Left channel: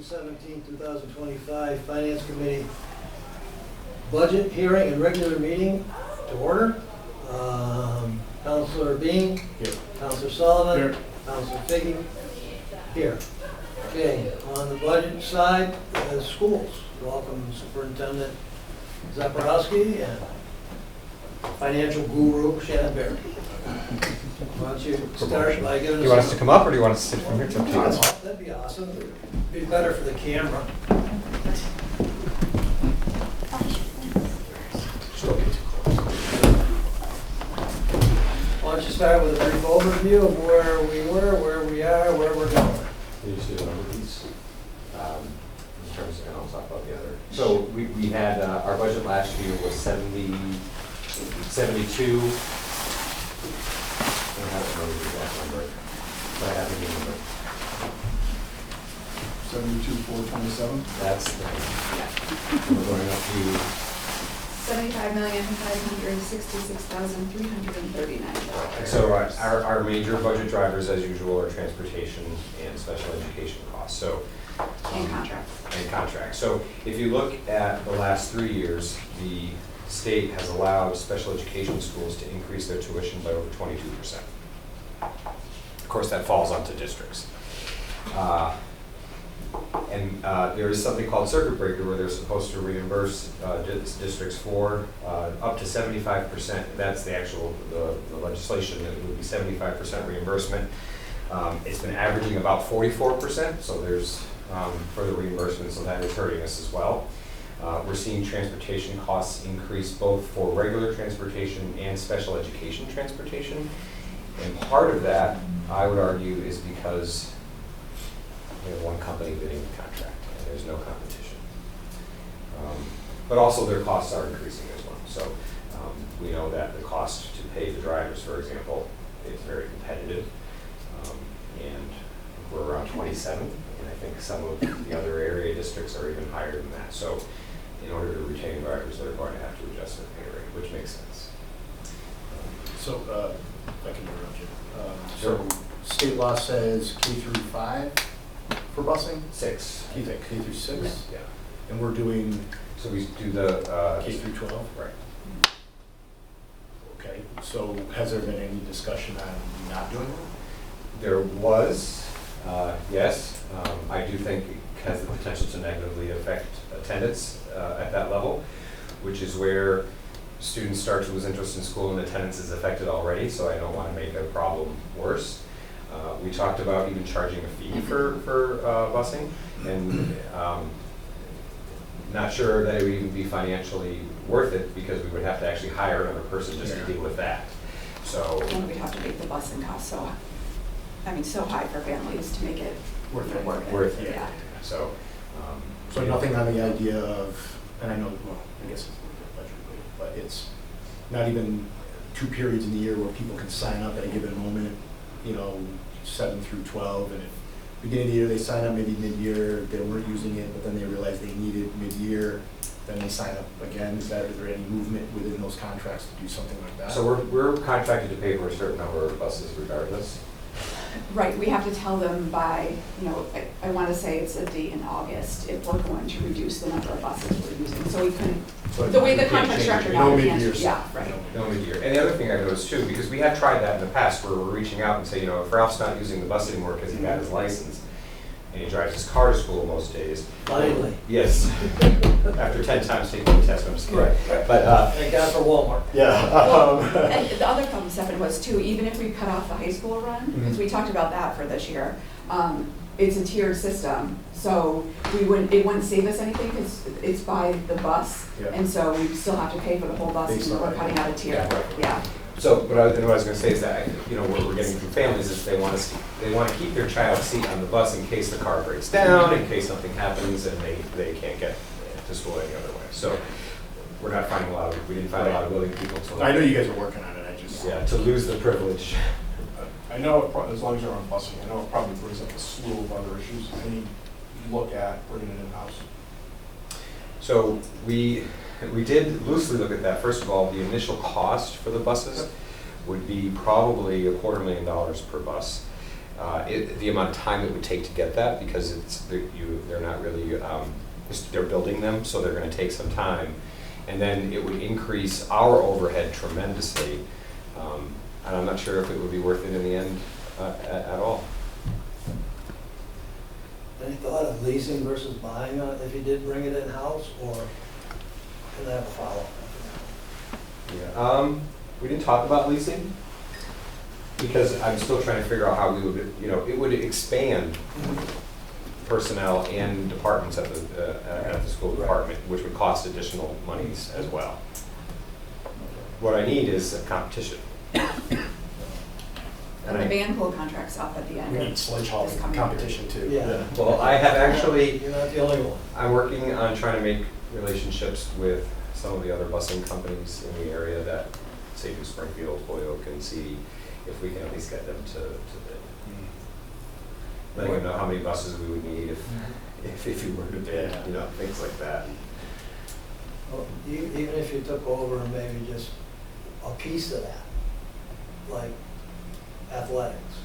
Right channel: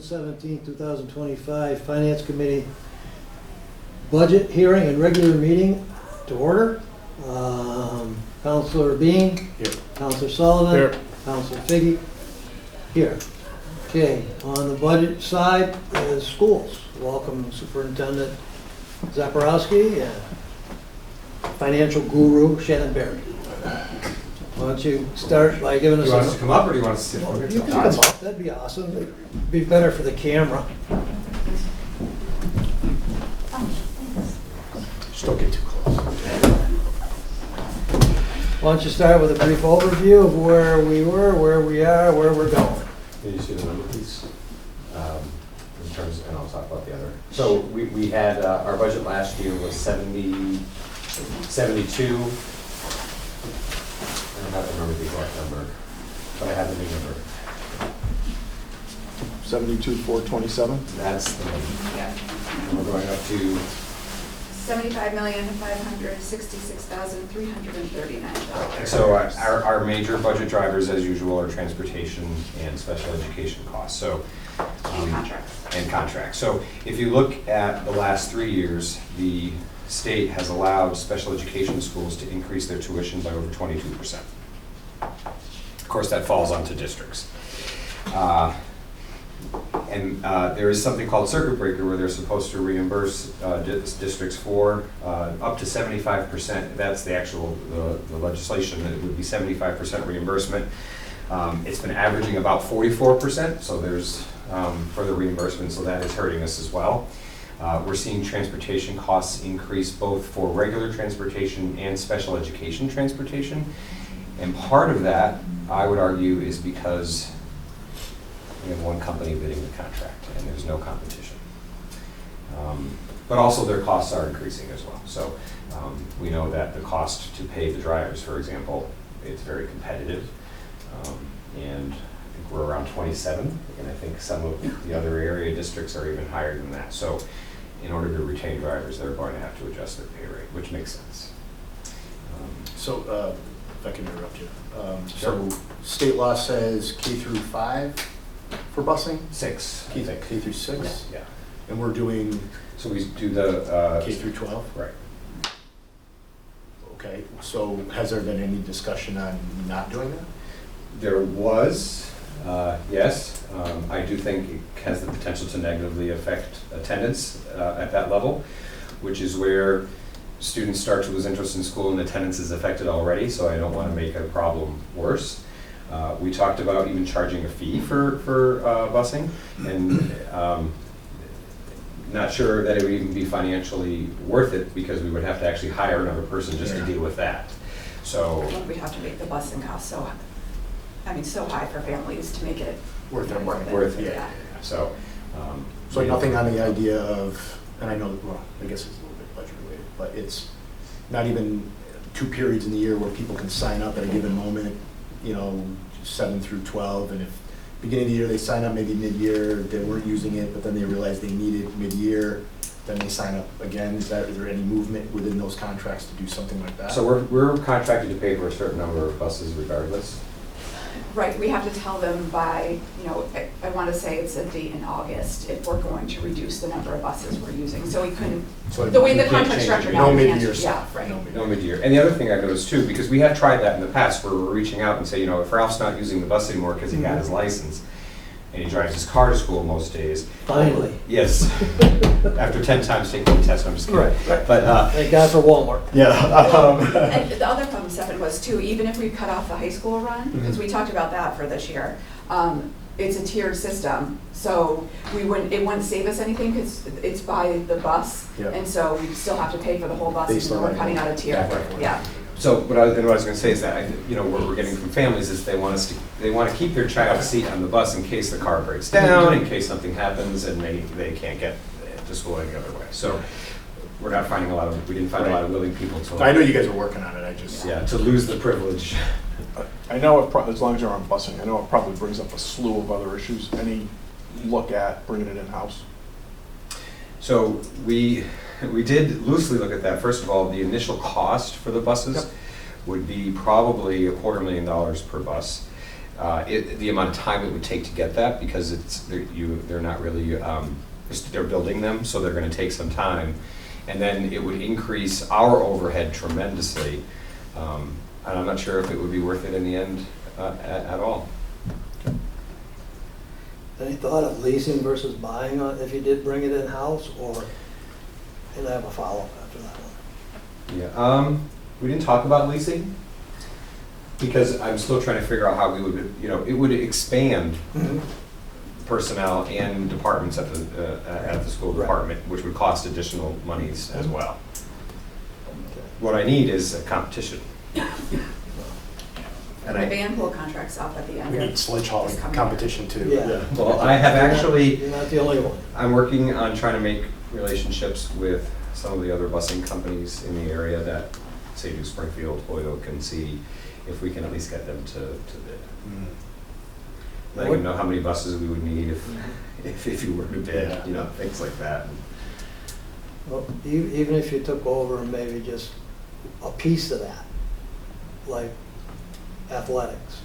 June 17, 2025, Finance Committee budget hearing and regular meeting to order. Counselor Bean. Here. Counselor Sullivan. Here. Counselor Figge. Here. Okay, on the budget side is schools. Welcome Superintendent Zaporowski and financial guru Shannon Barry. Why don't you start by giving us Do you want us to come up or do you want us to sit from here? You can come up, that'd be awesome. It'd be better for the camera. Just don't get too close. Why don't you start with a brief overview of where we were, where we are, where we're going. Can you see the number, please? In terms, and I'll talk about the other. So we had, our budget last year was 72. I don't remember the exact number, but I have the new number. 72,427. That's the number. Yeah. And we're going up to, $75,566,339. so our major budget drivers, as usual, are transportation and special education costs. So And contracts. and contracts. So if you look at the last 3 years, the state has allowed special education schools to increase their tuition by over 22%. Of course, that falls onto districts. There is something called circuit breaker where they're supposed to reimburse districts for up to 75%. That's the actual the legislation, that it would be 75% reimbursement. It's been averaging about 44%, so there's further reimbursement, so that is hurting us as well. We're seeing transportation costs increase both for regular transportation and special education transportation. And part of that, I would argue, is because we have one company bidding the contract and there's no competition. But also their costs are increasing as well. So we know that the cost to pay the drivers, for example, it's very competitive. And I think we're around 27, and I think some of the other area districts are even higher than that. So in order to retain drivers, they're going to have to adjust their pay rate, which makes sense. So, if I can interrupt you. Sure. So, state law says K through 5 for busing? 6, I K think. through 6? Yeah. And we're doing So we do the K through 12? Right. Okay, so has there been any discussion on not doing that? There was, yes. I do think it has the potential to negatively affect attendance at that level, which is where students start to lose interest in school and attendance is affected already, so I don't want to make a problem worse. We talked about even charging a fee for busing, and not sure that it would even be financially worth it because we would have to actually hire another person just to deal with that. So. And we'd have to make the busing cost so high for families to make it Worth it. Worth it. Yeah. So. So nothing on the idea of, and I know, well, I guess it's a little bit budget related, but it's not even 2 periods in the year where people can sign up at a given moment, 7 through 12, and if beginning of the year they sign up, maybe mid-year, they weren't using it, but then they realized they needed mid-year, then they sign up again. Is there any movement within those contracts to do something like that? So we're contracted to pay for a certain number of buses regardless. Right, we have to tell them by, I want to say it's a date in August if we're going to reduce the number of buses we're using. So we couldn't, So the way you the can't contract's change structured it. now, No we can't. mid-year Yeah, stuff. right. No mid-year. And the other thing I've noticed too, because we have tried that in the past where we're reaching out and say, if Ralph's not using the bus anymore because he got his license and he drives his car to school most days. Finally. Yes. After 10 times taking the test, I'm just kidding. Right. But Thank God for Walmart. Yeah. And the other problem, Stefan, was too, even if we cut off the high school run, because we talked about that for this year, it's a tiered system, so it wouldn't save us anything because it's by the bus, Yep. and so we still have to pay for the whole bus, Based and on we're that. cutting out a tier, Right. yeah. so what I was going to say is that what we're getting from families is they want to keep their child's seat on the bus in case the car breaks down, in case something happens, and they can't get to school any other way. So we're not finding we didn't find a lot of willing people to. I know you guys are working on it, I just. Yeah, to lose the privilege. I know as long as you're on busing, I know it probably brings up a slew of other issues. Any look at bringing it in-house? So we did loosely look at that. First of all, the initial cost for the buses would be probably $250,000 per bus. the amount of time it would take to get that, because they're not really, they're building them, so they're gonna take some time. And then it would increase our overhead tremendously. And I'm not sure if it would be worth it in the end at all. Any thought of leasing versus buying if you did bring it in-house, or can I have a follow-up after that one? Yeah, we didn't talk about leasing, because I'm still trying to figure out how we would, it would expand personnel and departments at the school Right. department, which would cost additional monies as well. Okay. What I need is a competition. And the van pool contract's up at the end. We need sledge hauling This coming competition too. Yeah. Well, I have actually, You're not the only one. I'm working on trying to make relationships with some of the other busing companies in the area that, say, do Springfield, Holyoke, and see if we can at least get them to bid. Let them know how many buses we would need if you were to bid, Yeah. things like that. Well, even if you took over and maybe just a piece of that, like athletics,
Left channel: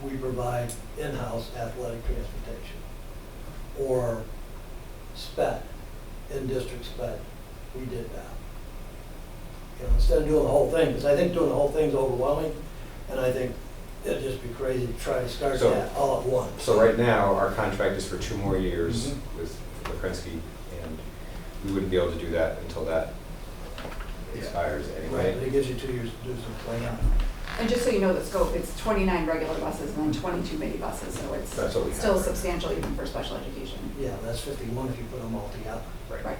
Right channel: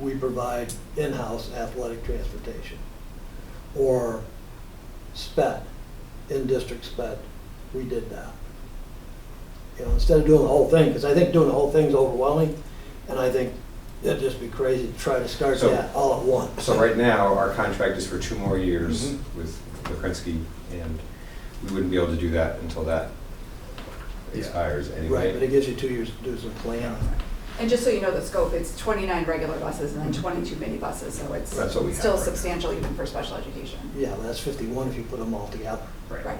we provide in-house athletic transportation. Or sped, in-district sped, we did that. Instead of doing the whole thing, because I think doing the whole thing's overwhelming, and I think it'd just be crazy to try to start So- that all at once. So right now, our contract is for 2 more years Mhm. with Lukrinsky, and we wouldn't be able to do that until that expires Right, anyway. but it gives you 2 years to do some planning. And just so you know the scope, it's 29 regular buses and then 22 minibuses, so it's That's what we have still right now. substantial even for special education. Yeah, that's 51 if you put them all together. Right.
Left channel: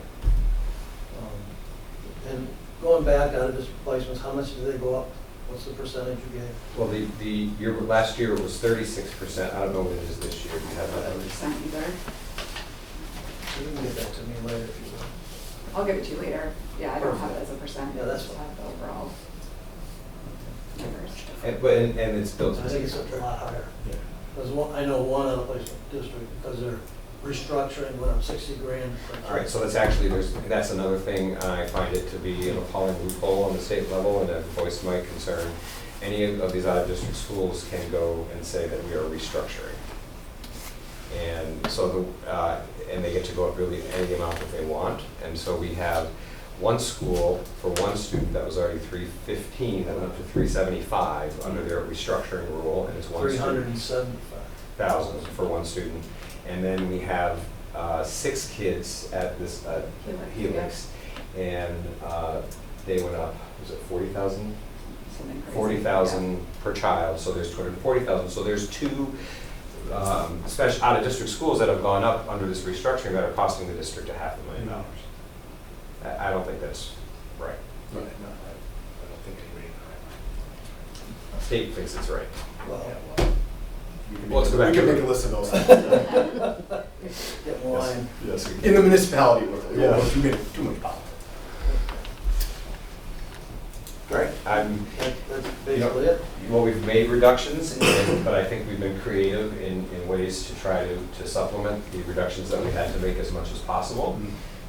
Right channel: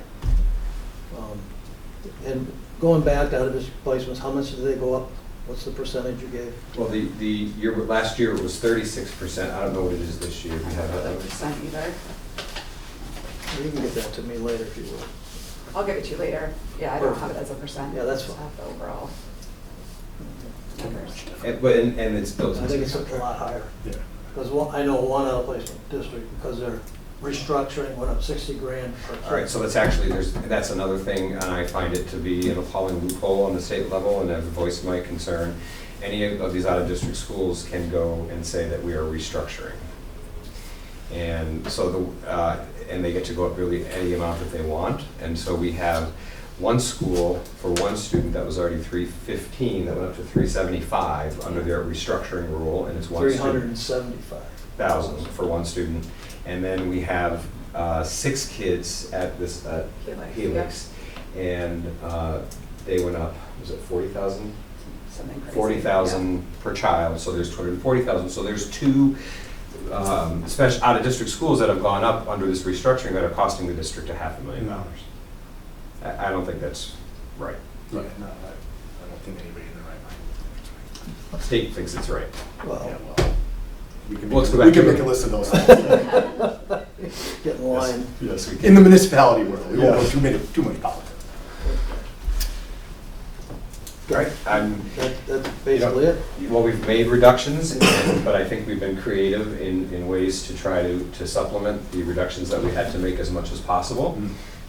And going back out of this placements, how much did they go up? What's the percentage you gave? Well, last year it was 36%. I don't know what it is this year. Do you have that? Percent either. You can get that to me later if you will. I'll give it to you later. Yeah, I don't have it as a percent. Yeah, that's I just fine. have the overall numbers. And it's built I into think the it's a contract. lot higher. Yeah. Because I know one other placement district, because they're restructuring, went up 60 grand per kid. All right, so that's another thing, and I find it to be an appalling loophole on the state level, and I've voiced my concern. Any of these out-of-district schools can go and say that we are restructuring. And so and they get to go up really any amount that they want. And so we have one school for one student that was already 315, that went up to 375 under their restructuring rule, and it's one student. 375,000 for one student. And then we have 6 kids at this Helix. And they went up, was it 40,000? Something crazy. 40,000 per child, so there's 240,000. So there's 2 special out-of-district schools that have gone up under this restructuring that are costing the district $500,000. I don't think that's right. Right, no, I don't think anybody in their right mind. State thinks it's right. Well, Yeah, well, we can Let's make, go we back can to make it. a list of those things. get in line. Yes, we In the municipality world, we won't Yeah. go too many politics. Right. That's basically it. Well, we've made reductions, but I think we've been creative in ways to try to supplement the reductions that we had to make as much as possible.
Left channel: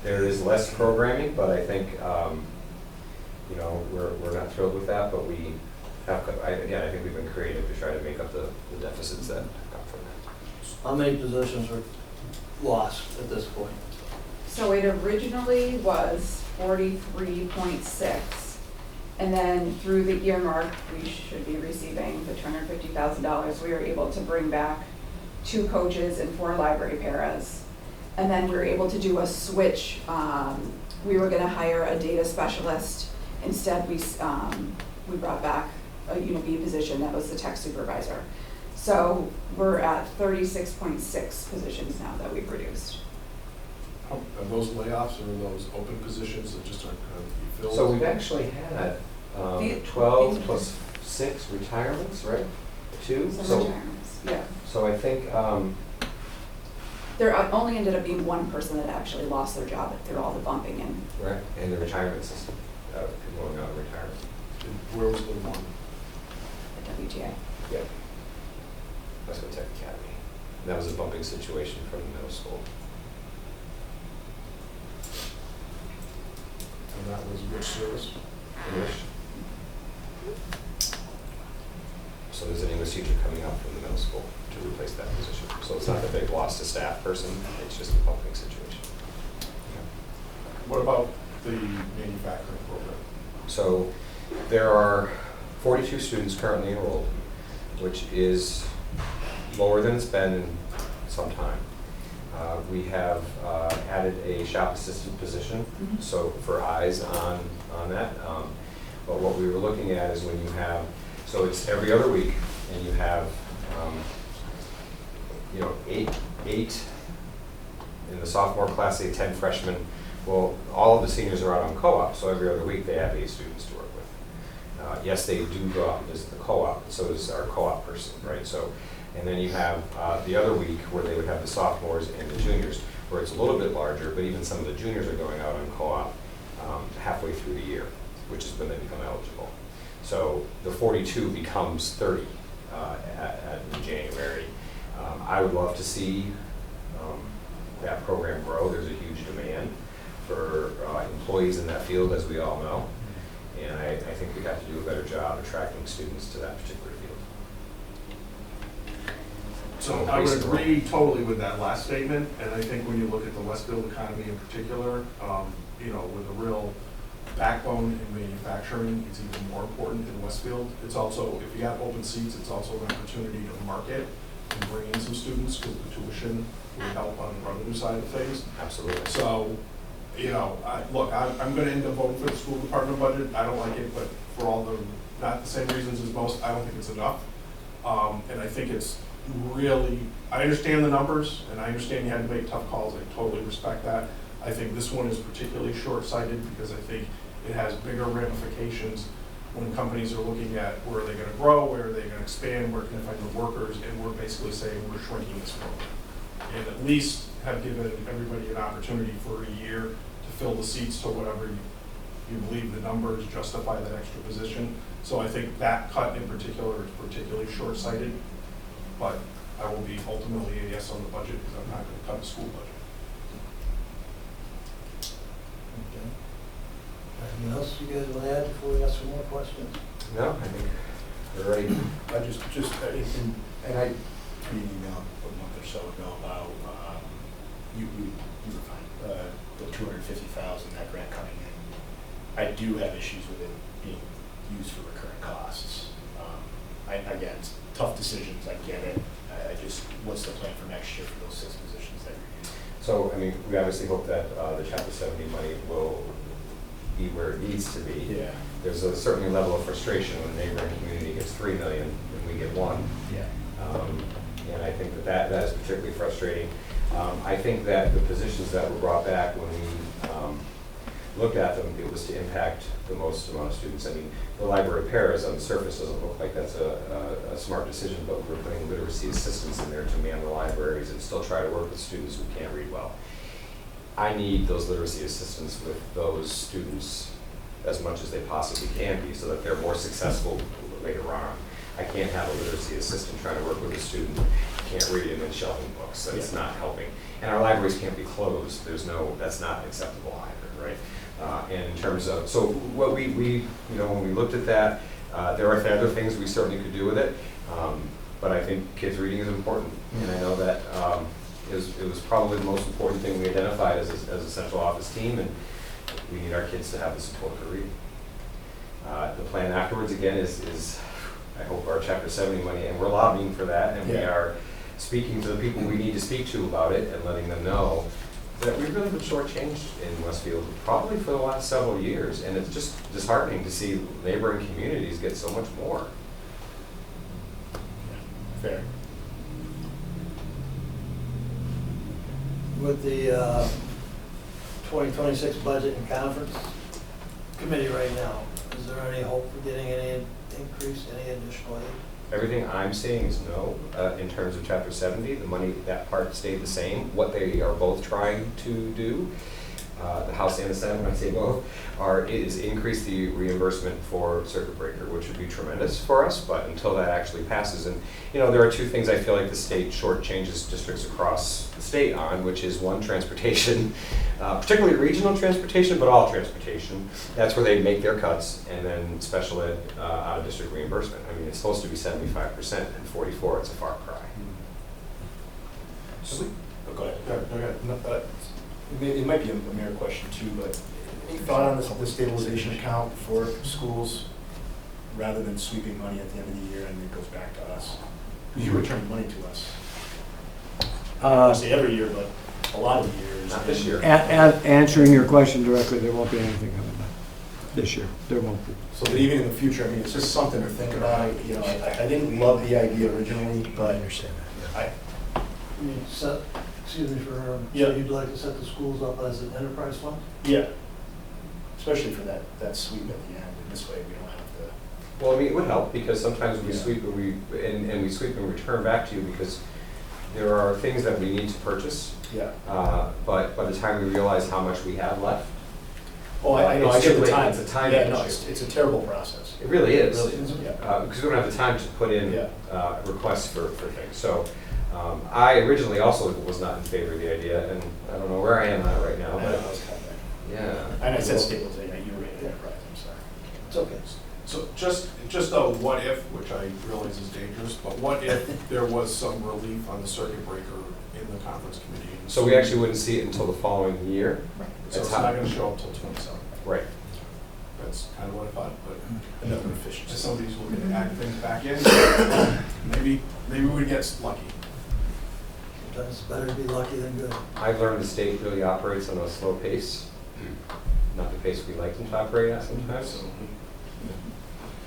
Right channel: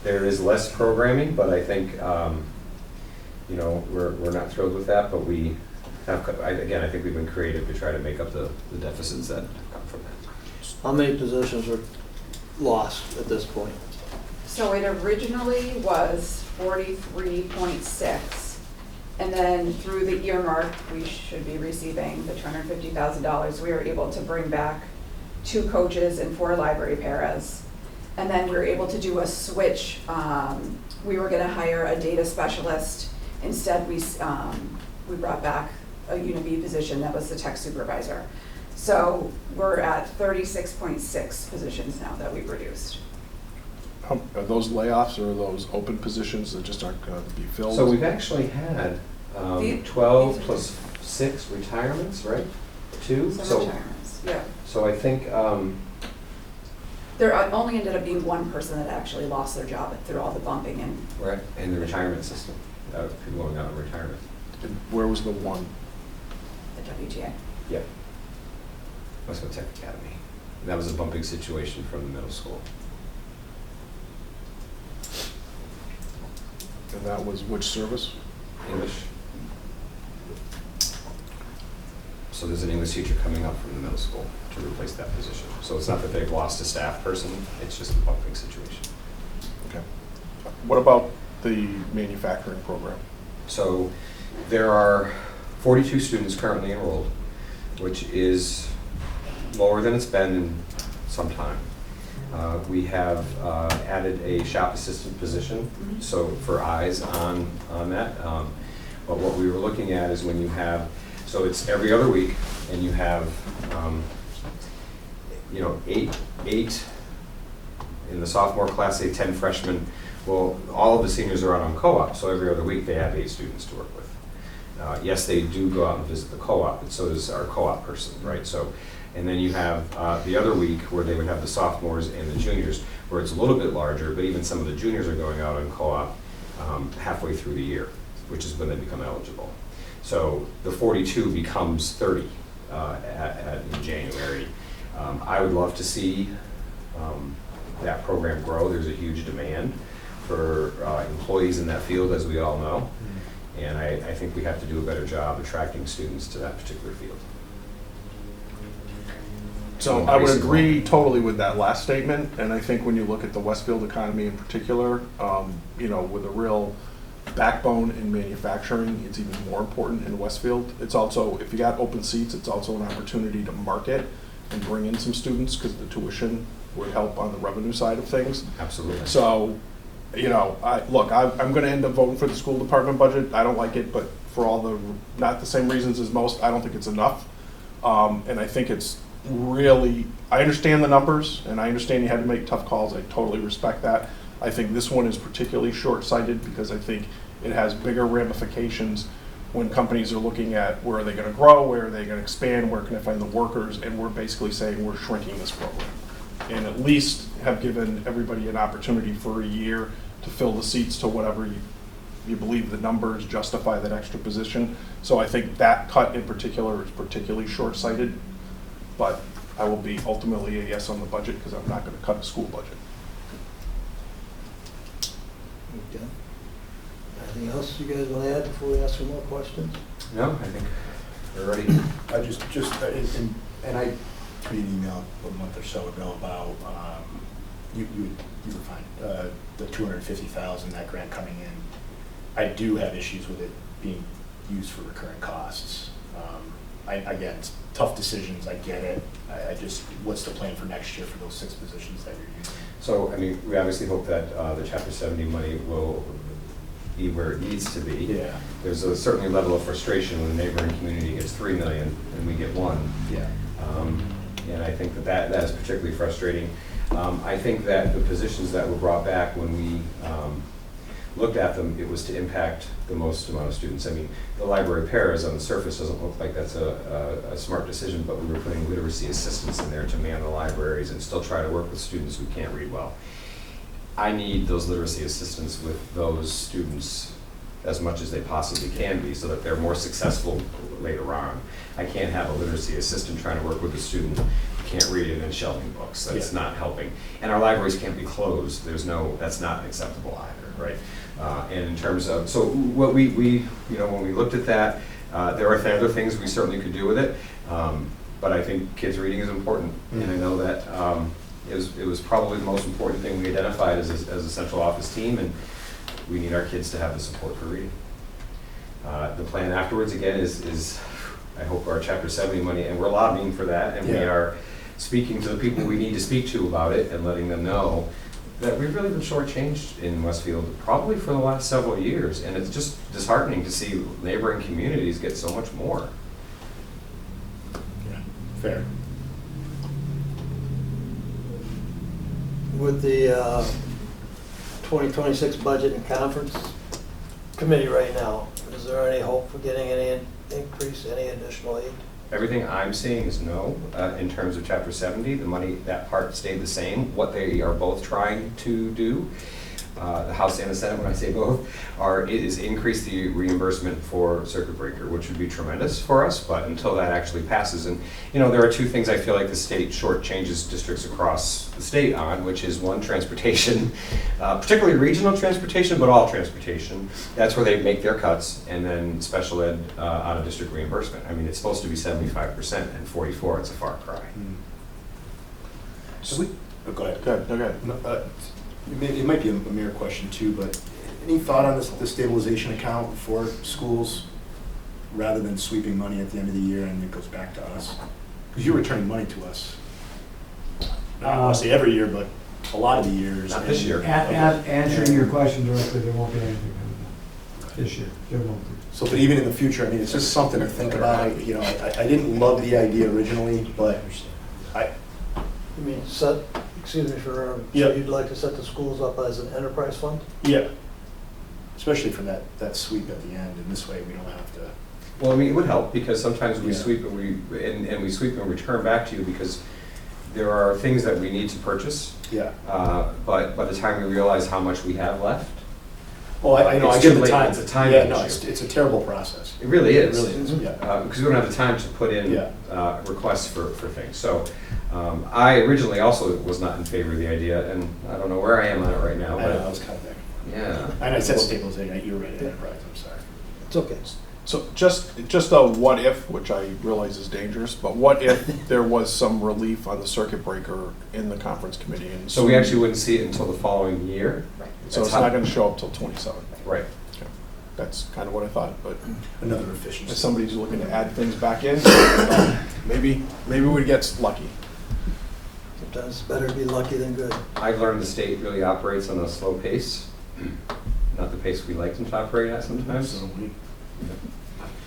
There is less programming, but I think, we're not thrilled with that, but we have, again, I think we've been creative to try to make up the deficits that come from that. How many positions are lost at this point? So it originally was 43.6. And then through the earmark, we should be receiving the $250,000. We were able to bring back 2 coaches and 4 library paras. And then we were able to do a switch. We were gonna hire a data specialist. Instead, we brought back a UNB position that was the tech supervisor. So we're at 36.6 positions now that we've reduced. Are those layoffs or are those open positions that just aren't going to be filled? So we've actually had The- 12 plus 6 retirements, right? 2? Some retirements, yeah. So I think, There only ended up being 1 person that actually lost their job through all the bumping and right, in the retirement system, people going out of retirement. And where was the one? the WTA. Yeah. Westwood Tech Academy. And that was a bumping situation from the middle school. And that was which service? English. So there's an English teacher coming up from the middle school to replace that position. So it's not that they've lost a staff person, it's just a bumping situation. Okay. What about the manufacturing program? So there are 42 students currently enrolled, which is lower than it's been in some time. We have added a shop assistant position, so for eyes on that. But what we were looking at is when you have, so it's every other week, and you have, you know, eight in the sophomore class, say 10 freshmen. Well, all of the seniors are out on co-op, so every other week they have 8 students to work with. Yes, they do go out and visit the co-op, and so does our co-op person, right? So, and then you have the other week where they would have the sophomores and the juniors, where it's a little bit larger, but even some of the juniors are going out on co-op halfway through the year, which is when they become eligible. So the 42 becomes 30 in January. I would love to see that program grow. There's a huge demand for employees in that field, as we all know. And I think we have to do a better job attracting students to that particular field. So I would agree totally with that last statement, and I think when you look at the Westfield economy in particular, you know, with a real backbone in manufacturing, it's even more important in Westfield. It's also, if you got open seats, it's also an opportunity to market and bring in some students, because the tuition would help on the revenue side of things. Absolutely. So, you know, I'm gonna end up voting for the school department budget. I don't like it, but for all the, not the same reasons as most, I don't think it's enough. And I think it's really, I understand the numbers, and I understand you had to make tough calls. I totally respect that. I think this one is particularly short-sighted because I think it has bigger ramifications when companies are looking at where are they gonna grow, where are they gonna expand, where can I find the workers, and we're basically saying we're shrinking this program. And at least have given everybody an opportunity for a year to fill the seats to whatever you believe the numbers justify that extra position. So I think that cut in particular is particularly short-sighted, but I will be ultimately a yes on the budget because I'm not gonna cut the school budget. Okay. Anything else you guys want to add before we ask for more questions? No, I think we're ready. I just, and I tweeted an email a month or so ago about, you were fine, the 250,000, that grant coming in. I do have issues with it being used for recurring costs. Again, it's tough decisions, I get it. I just, what's the plan for next year for those 6 positions that you're using? So, I mean, we obviously hope that the Chapter 70 money will be where it needs to be. Yeah. There's a certain level of frustration when the neighboring community gets 3 million and we get 1. Yeah. And I think that is particularly frustrating. I think that the positions that were brought back when we looked at them, it was to impact the most amount of students. I mean, the library paras on the surface doesn't look like that's a smart decision, but we were putting literacy assistants in there to man the libraries and still try to work with students who can't read well. I need those literacy assistants with those students as much as they possibly can be so that they're more successful later on. I can't have a literacy assistant trying to work with a student who can't read and then shelving books. That's not helping. And our libraries can't be closed. That's not acceptable either, right? And in terms of, so what we you know, when we looked at that, there are other things we certainly could do with it, but I think kids reading is important. And I know that it was probably the most important thing we identified as a central office team, and we need our kids to have the support for reading. The plan afterwards, again, is I hope our Chapter 70 money, and we're lobbying for that, and we are speaking to the people we need to speak to about it and letting them know that we've really been shortchanged in Westfield probably for the last several years, and it's just disheartening to see neighboring communities get so much more. Yeah, fair. With the 2026 budget and conference committee right now, is there any hope for getting any increase, any additional aid? Everything I'm seeing is no, in terms of Chapter 70. The money, that part stayed the same. What they are both trying to do the House and the Senate, when I say both, is increase the reimbursement for circuit breaker, which would be tremendous for us, but until that actually passes, and, you know, there are two things I feel like the state shortchanges districts across the state on, which is one, transportation, particularly regional transportation, but all transportation. That's where they make their cuts, and then special ed out-of-district reimbursement. I mean, it's supposed to be 75%, and 44, it's a far cry. So go ahead. Okay. No, it might be a mere question too, but any thought on the stabilization account for schools rather than sweeping money at the end of the year and it goes back to us? Because you're returning money to us. I don't want to say every year, but a lot of the years. Not this year. Answering your question directly, there won't be anything on that this year. There won't be. So, but even in the future, I mean, it's just something to think about. You know, I didn't love the idea originally, but I, You mean set, excuse me for, Yeah. so you'd like to set the schools up as an enterprise fund? yeah, especially for that sweep at the end, and this way we don't have to. Well, I mean, it would help, because sometimes we Yeah. sweep and we sweep and return back to you, because there are things that we need to purchase, Yeah. but by the time we realize how much we have left, Oh, I know, I It's get too the late. time. It's a time Yeah, no, issue. it's a terrible process. it really It is. really is, Mhm. yeah. Because we don't have the time to put in Yeah. requests for things. So I originally also was not in favor of the idea, and I don't know where I am on it right now, I know, I but was kind of there. yeah. And I said stabilization, you were right, enterprise, I'm sorry. It's okay. So just a what if, which I realize is dangerous, but what if there was some relief on the circuit breaker in the conference committee? And So we actually wouldn't see it until the following year? Right. So it's not gonna show up till 27. Right. That's kind of what I thought, but Another efficiency. if somebody's looking to add things back in, maybe we'd get lucky. Sometimes it's better to be lucky than good. I've learned the state really operates on a slow pace, not the pace we like them to operate at sometimes. So we-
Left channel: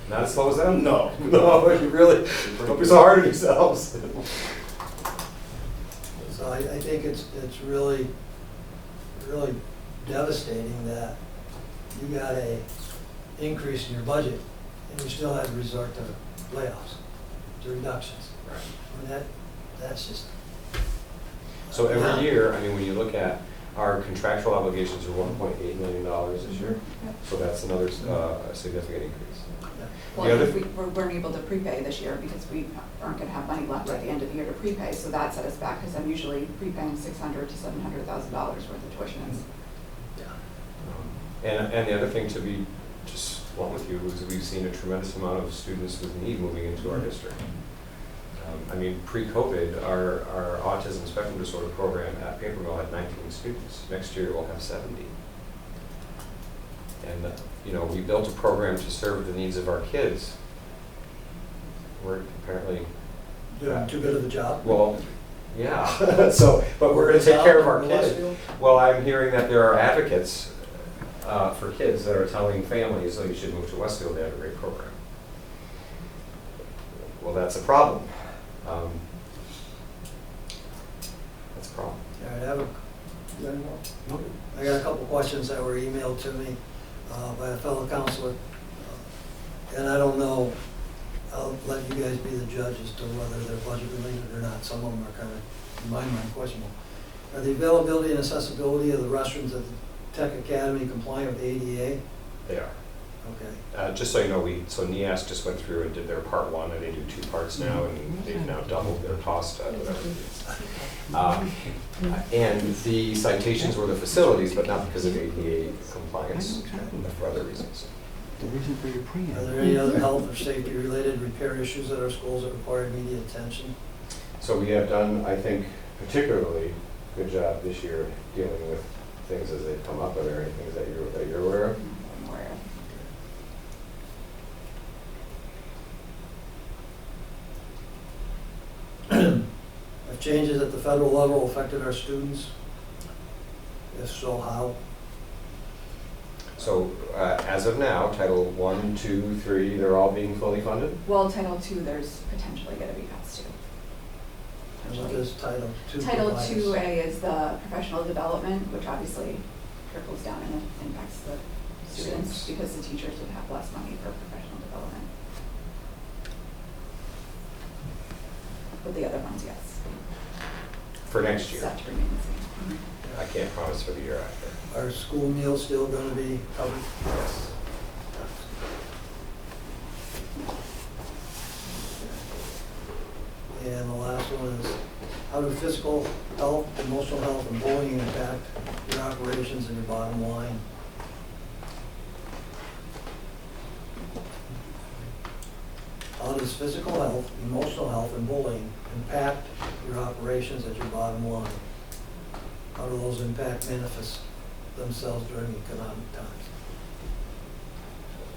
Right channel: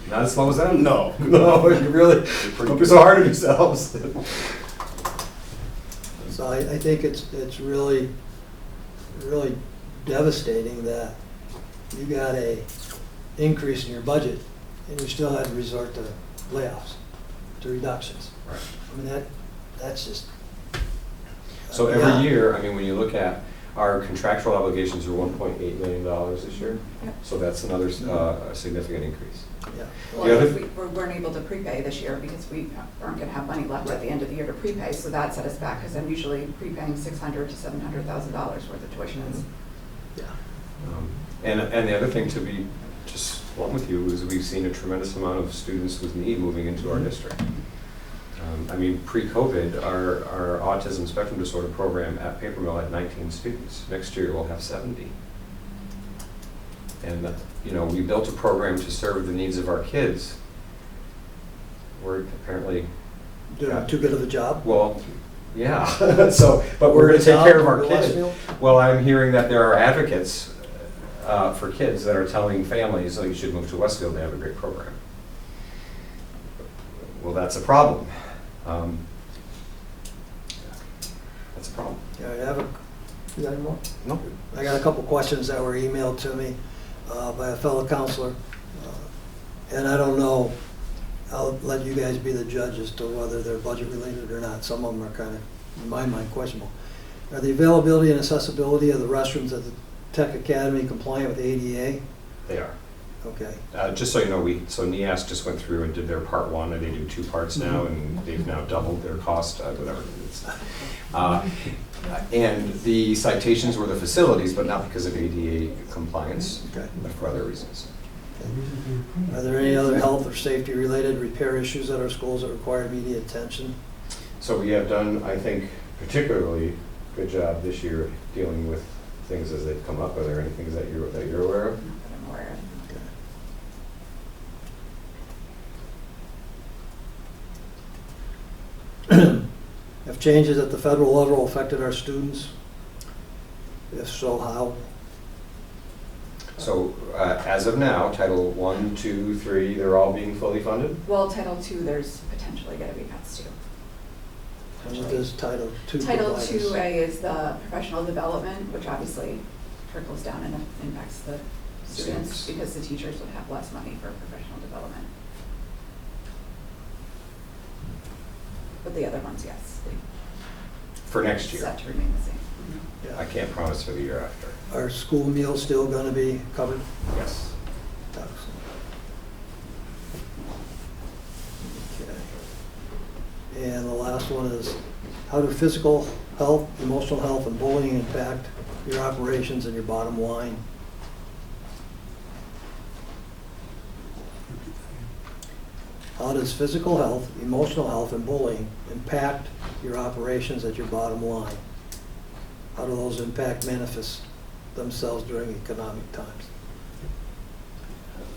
Not as slow as them? No. No, you really, don't be so hard on yourselves. So I think it's really, really devastating that you got a increase in your budget and you still had to resort to layoffs, to reductions. Right. I mean, that's just. So Yeah. every year, I mean, when you look at our contractual obligations are $1.8 million this year, Yep. so that's another significant increase. Yeah. The Well, other- if we weren't able to prepay this year because we aren't gonna have money left at the end of the year to prepay, so that set us back, because I'm usually prepaying $600,000 to $700,000 worth of tuitions. Yeah. And the other thing, to be just blunt with you, is we've seen a tremendous amount of students with need moving into our district. I mean, pre-COVID, our autism spectrum disorder program at Paper Mill had 19 students. Next year, we'll have 70. And, you know, we built a program to serve the needs of our kids. We're apparently, Doing too good of a job. well, yeah, so, but we're gonna take care of our kids. Westfield? Well, I'm hearing that there are advocates for kids that are telling families, oh, you should move to Westfield, they have a great program. Well, that's a problem. That's a problem. All right, I have a, you got any more? No. I got a couple questions that were emailed to me by a fellow counselor. And I don't know, I'll let you guys be the judge as to whether they're budget related or not. Some of them are kind of, in my mind, questionable. Are the availability and accessibility of the restrooms at the Tech Academy compliant with ADA? They are. Okay. Just so you know, so NEAS just went through and did their part one, and they do 2 parts now, and they've now doubled their cost, whatever it is. And the citations were the facilities, but not because of ADA compliance, Okay. but for other reasons. Are there any other health or safety related repair issues at our schools that require immediate attention? So we have done, I think, particularly good job this year of dealing with things as they've come up. Are there any things that you're aware of? I'm aware of. Have changes at the federal level affected our students? If so, how? So as of now, Title 1, 2, 3, they're all being fully funded? Well, Title II, there's potentially gonna be cuts too. And what does Title II Title provide us? II-A is the professional development, which obviously trickles down and impacts the students Students. because the teachers would have less money for professional development. But the other ones, yes. For next year? Set to remain the same. I can't promise for the year after. Are school meals still gonna be covered? Yes. Okay. And the last one is, how do physical health, emotional health, and bullying impact your operations and your bottom line? How does physical health, emotional health, and bullying impact your operations at your bottom line? How do those impact manifest themselves during economic times?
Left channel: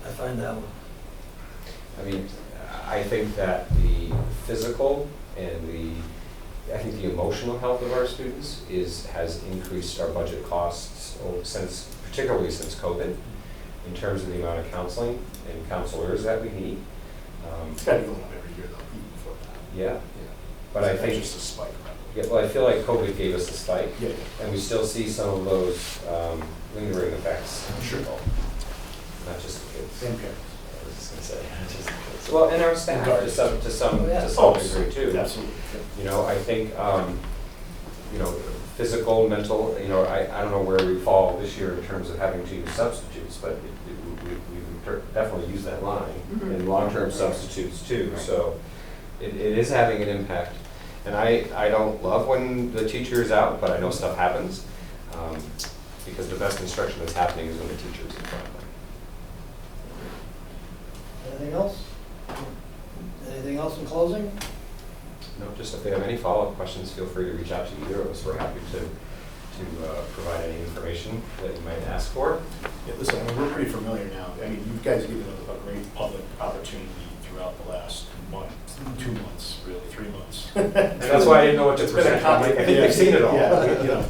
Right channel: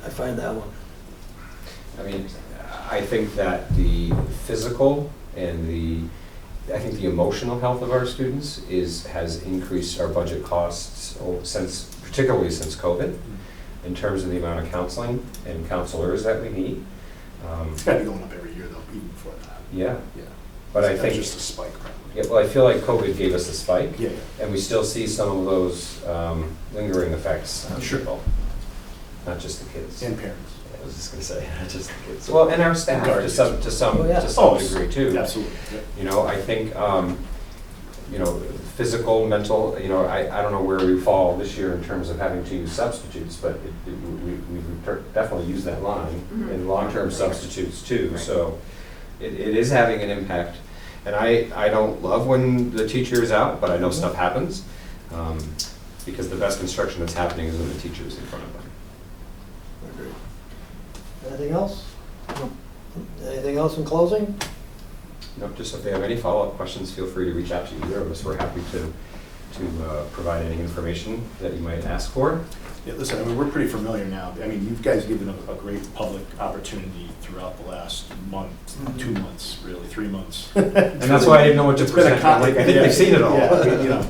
I find that one. I mean, I think that the physical and I think the emotional health of our students has increased our budget costs particularly since COVID, in terms of the amount of counseling and counselors that we need. It's gotta be going up every year though, even before that. Yeah, Yeah. but I That's think, just a spike probably. yeah, well, I feel like COVID gave us the spike, Yeah, and we still see some of those lingering effects on Sure. people, not just the kids. and parents. I was just gonna say, not just the kids. Well, and our staff, to some Oh, yeah. degree too. Absolutely. Yeah. You know, I think, you know, physical, mental, you know, I don't know where we fall this year in terms of having to use substitutes, but we've definitely used that line in long-term substitutes too, so it is having an impact. And I don't love when the teacher is out, but I know stuff happens, because the best instruction that's happening is when the teacher is in front of them. Anything else? Anything else in closing? No, just if they have any follow-up questions, feel free to reach out to either of us. We're happy to provide any information that you might ask for. Yeah, listen, I mean, we're pretty familiar now. I mean, you guys given a great public opportunity throughout the last month, 2 months, really, 3 months. And that's why I didn't know what to It's been a present. I'm like, I think yeah, they've seen it all. Yeah,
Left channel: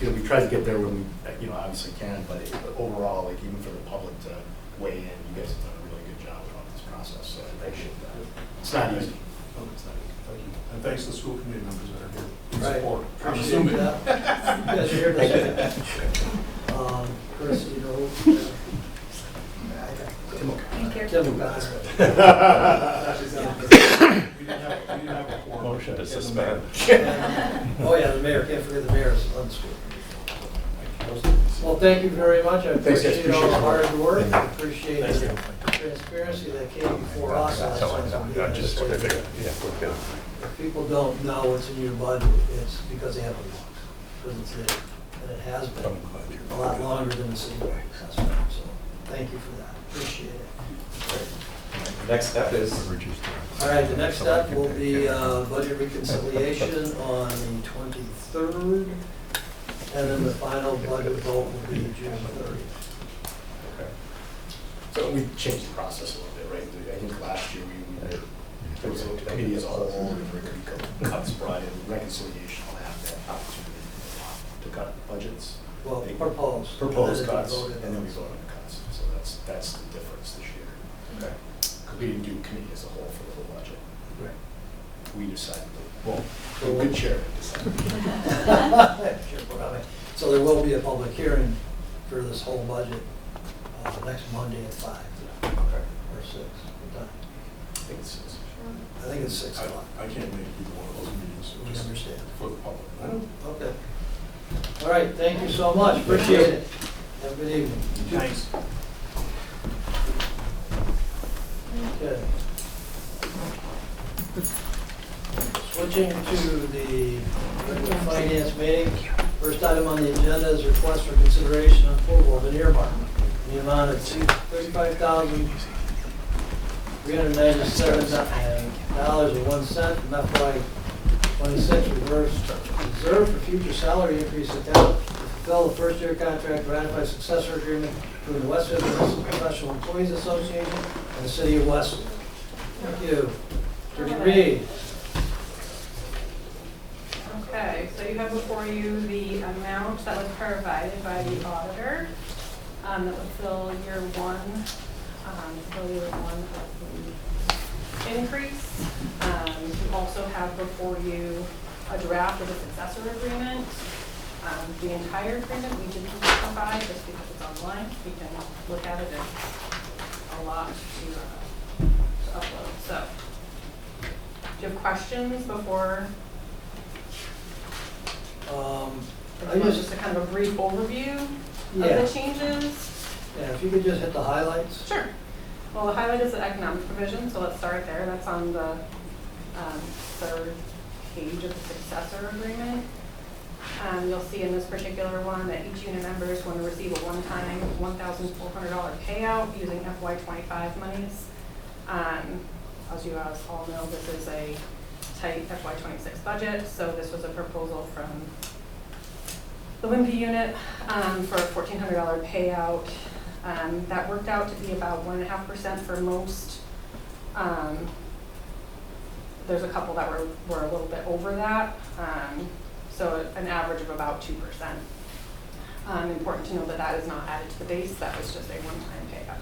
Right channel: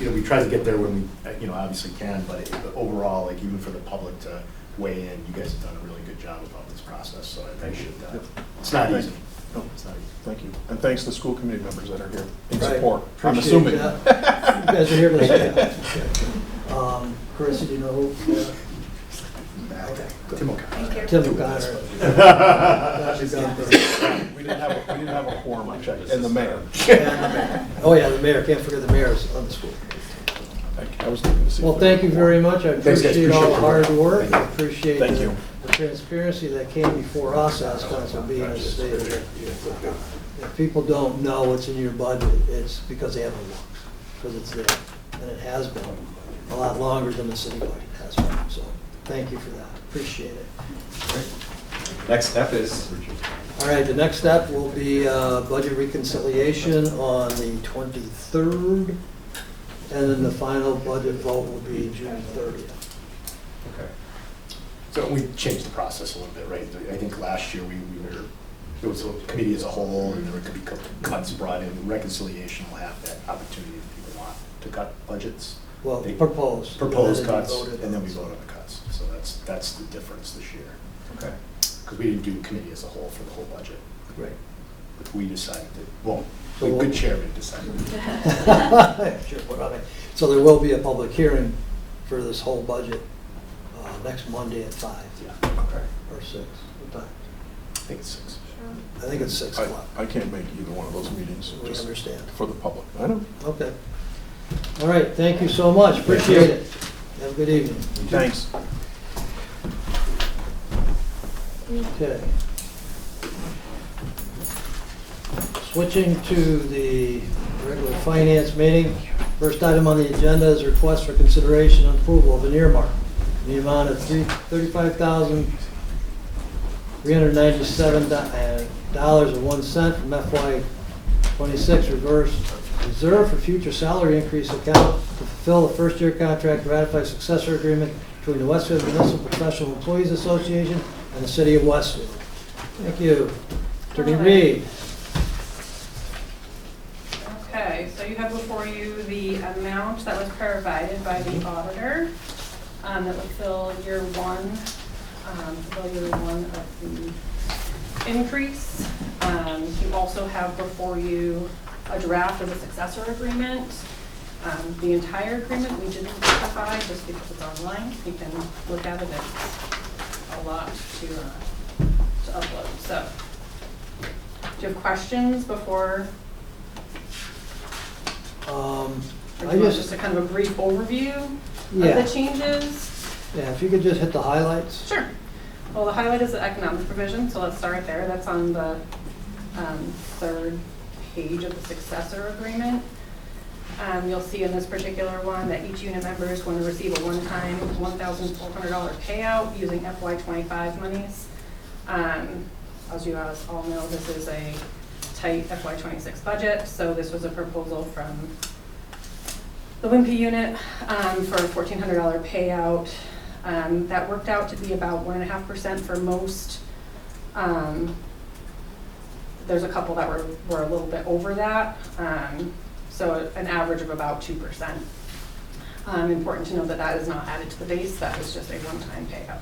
we we tried to get there when we, obviously can, but overall, like, even for the public to weigh in, you guys have done a really good job about this process, so I appreciate that. It's not easy. No, it's not easy. Thank you. And thanks to school committee members that are here in Right. support. I'm Appreciate assuming. that. You guys are here to stay. Chris, do you know who? Okay. Tim O'Connor. Thank you. Tim O'Connor. We didn't have a quorum, and the mayor. Oh, yeah, the mayor, can't forget the mayor's on the school. I was thinking the same Well, thing. thank you very much. I Thanks, guys. appreciate all the hard Appreciate it. work. Thank you. Appreciate Thank you. the transparency that came before us last time, so being as stated. If people don't know what's in your budget, it's because they haven't looked, because it's there. And it has been a lot longer than the city budget has been, so thank you for that. Appreciate it. Next step is, All right, the next step will be budget reconciliation on the 23rd, and then the final budget vote will be June 30th. okay. So we changed the process a little bit, right? I think last year we were, it was a committee as a whole, and there could be cuts brought in. Reconciliation will have that opportunity if people want to cut budgets. Well, They proposed. Propose and then cuts, voted and then on. we vote on the cuts. So that's the difference this year. Okay. Because we didn't do committee as a whole for the whole budget. Right. We decided that, well, So the we'll- good chairman decided. Sure, what I mean. So there will be a public hearing for this whole budget next Monday at 5 Yeah, Okay. or 6. What time? I think it's 6. I think it's 6 o'clock. I can't make either one of those meetings, We just understand. for the public. I know. Okay. All right, thank you so much. Appreciate it. Have a good evening. Thanks. Okay. Switching to the regular finance meeting. First item on the agenda is a request for consideration and approval of an earmark in the amount of $35,397.01 from FY '26 reserve for future salary increase account to fulfill the first-year contract, ratify successor agreement between the Westfield Municipal Professional Employees Association and the City of Westfield. Thank you. Attorney Reed. Okay, so you have before you the amount that was provided by the auditor that would fill year one of the increase. You also have before you a draft of the successor agreement. The entire agreement we didn't provide just because it's online. You can look at it. It's a lot to upload. So, do you have questions before? Or I do you want just- just a kind of a brief overview of Yeah, the changes? yeah, if you could just hit the highlights. Sure. Well, the highlight is the economic provision, so let's start there. That's on the third page of the successor agreement. You'll see in this particular one that each unit member is going to receive a one-time $1,400 payout using FY25 monies. As you guys all know, this is a tight FY26 budget, so this was a proposal from the Wimpy unit for a $1,400 payout. That worked out to be about 1.5% for most. There's a couple that were a little bit over that, so an average of about 2%. Important to note that that is not added to the base, that was just a one-time payout.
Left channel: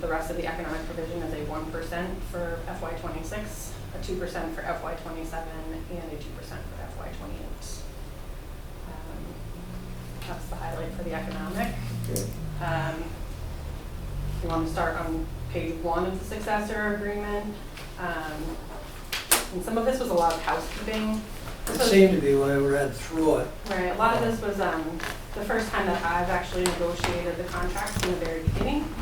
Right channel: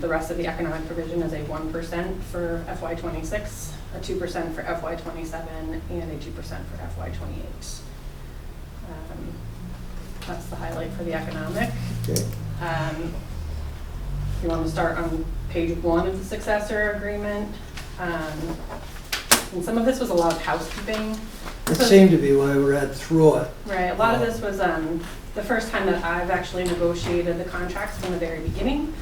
The rest of the economic provision is a 1% for FY26, a 2% for FY27, and a 2% for FY28. That's the highlight for the economic. Okay. You want to start on page 1 of the successor agreement. And some of this was a lot of housekeeping. It seemed to be when I read through it. Right, a lot of this was the first time that I've actually negotiated the contracts from the very beginning.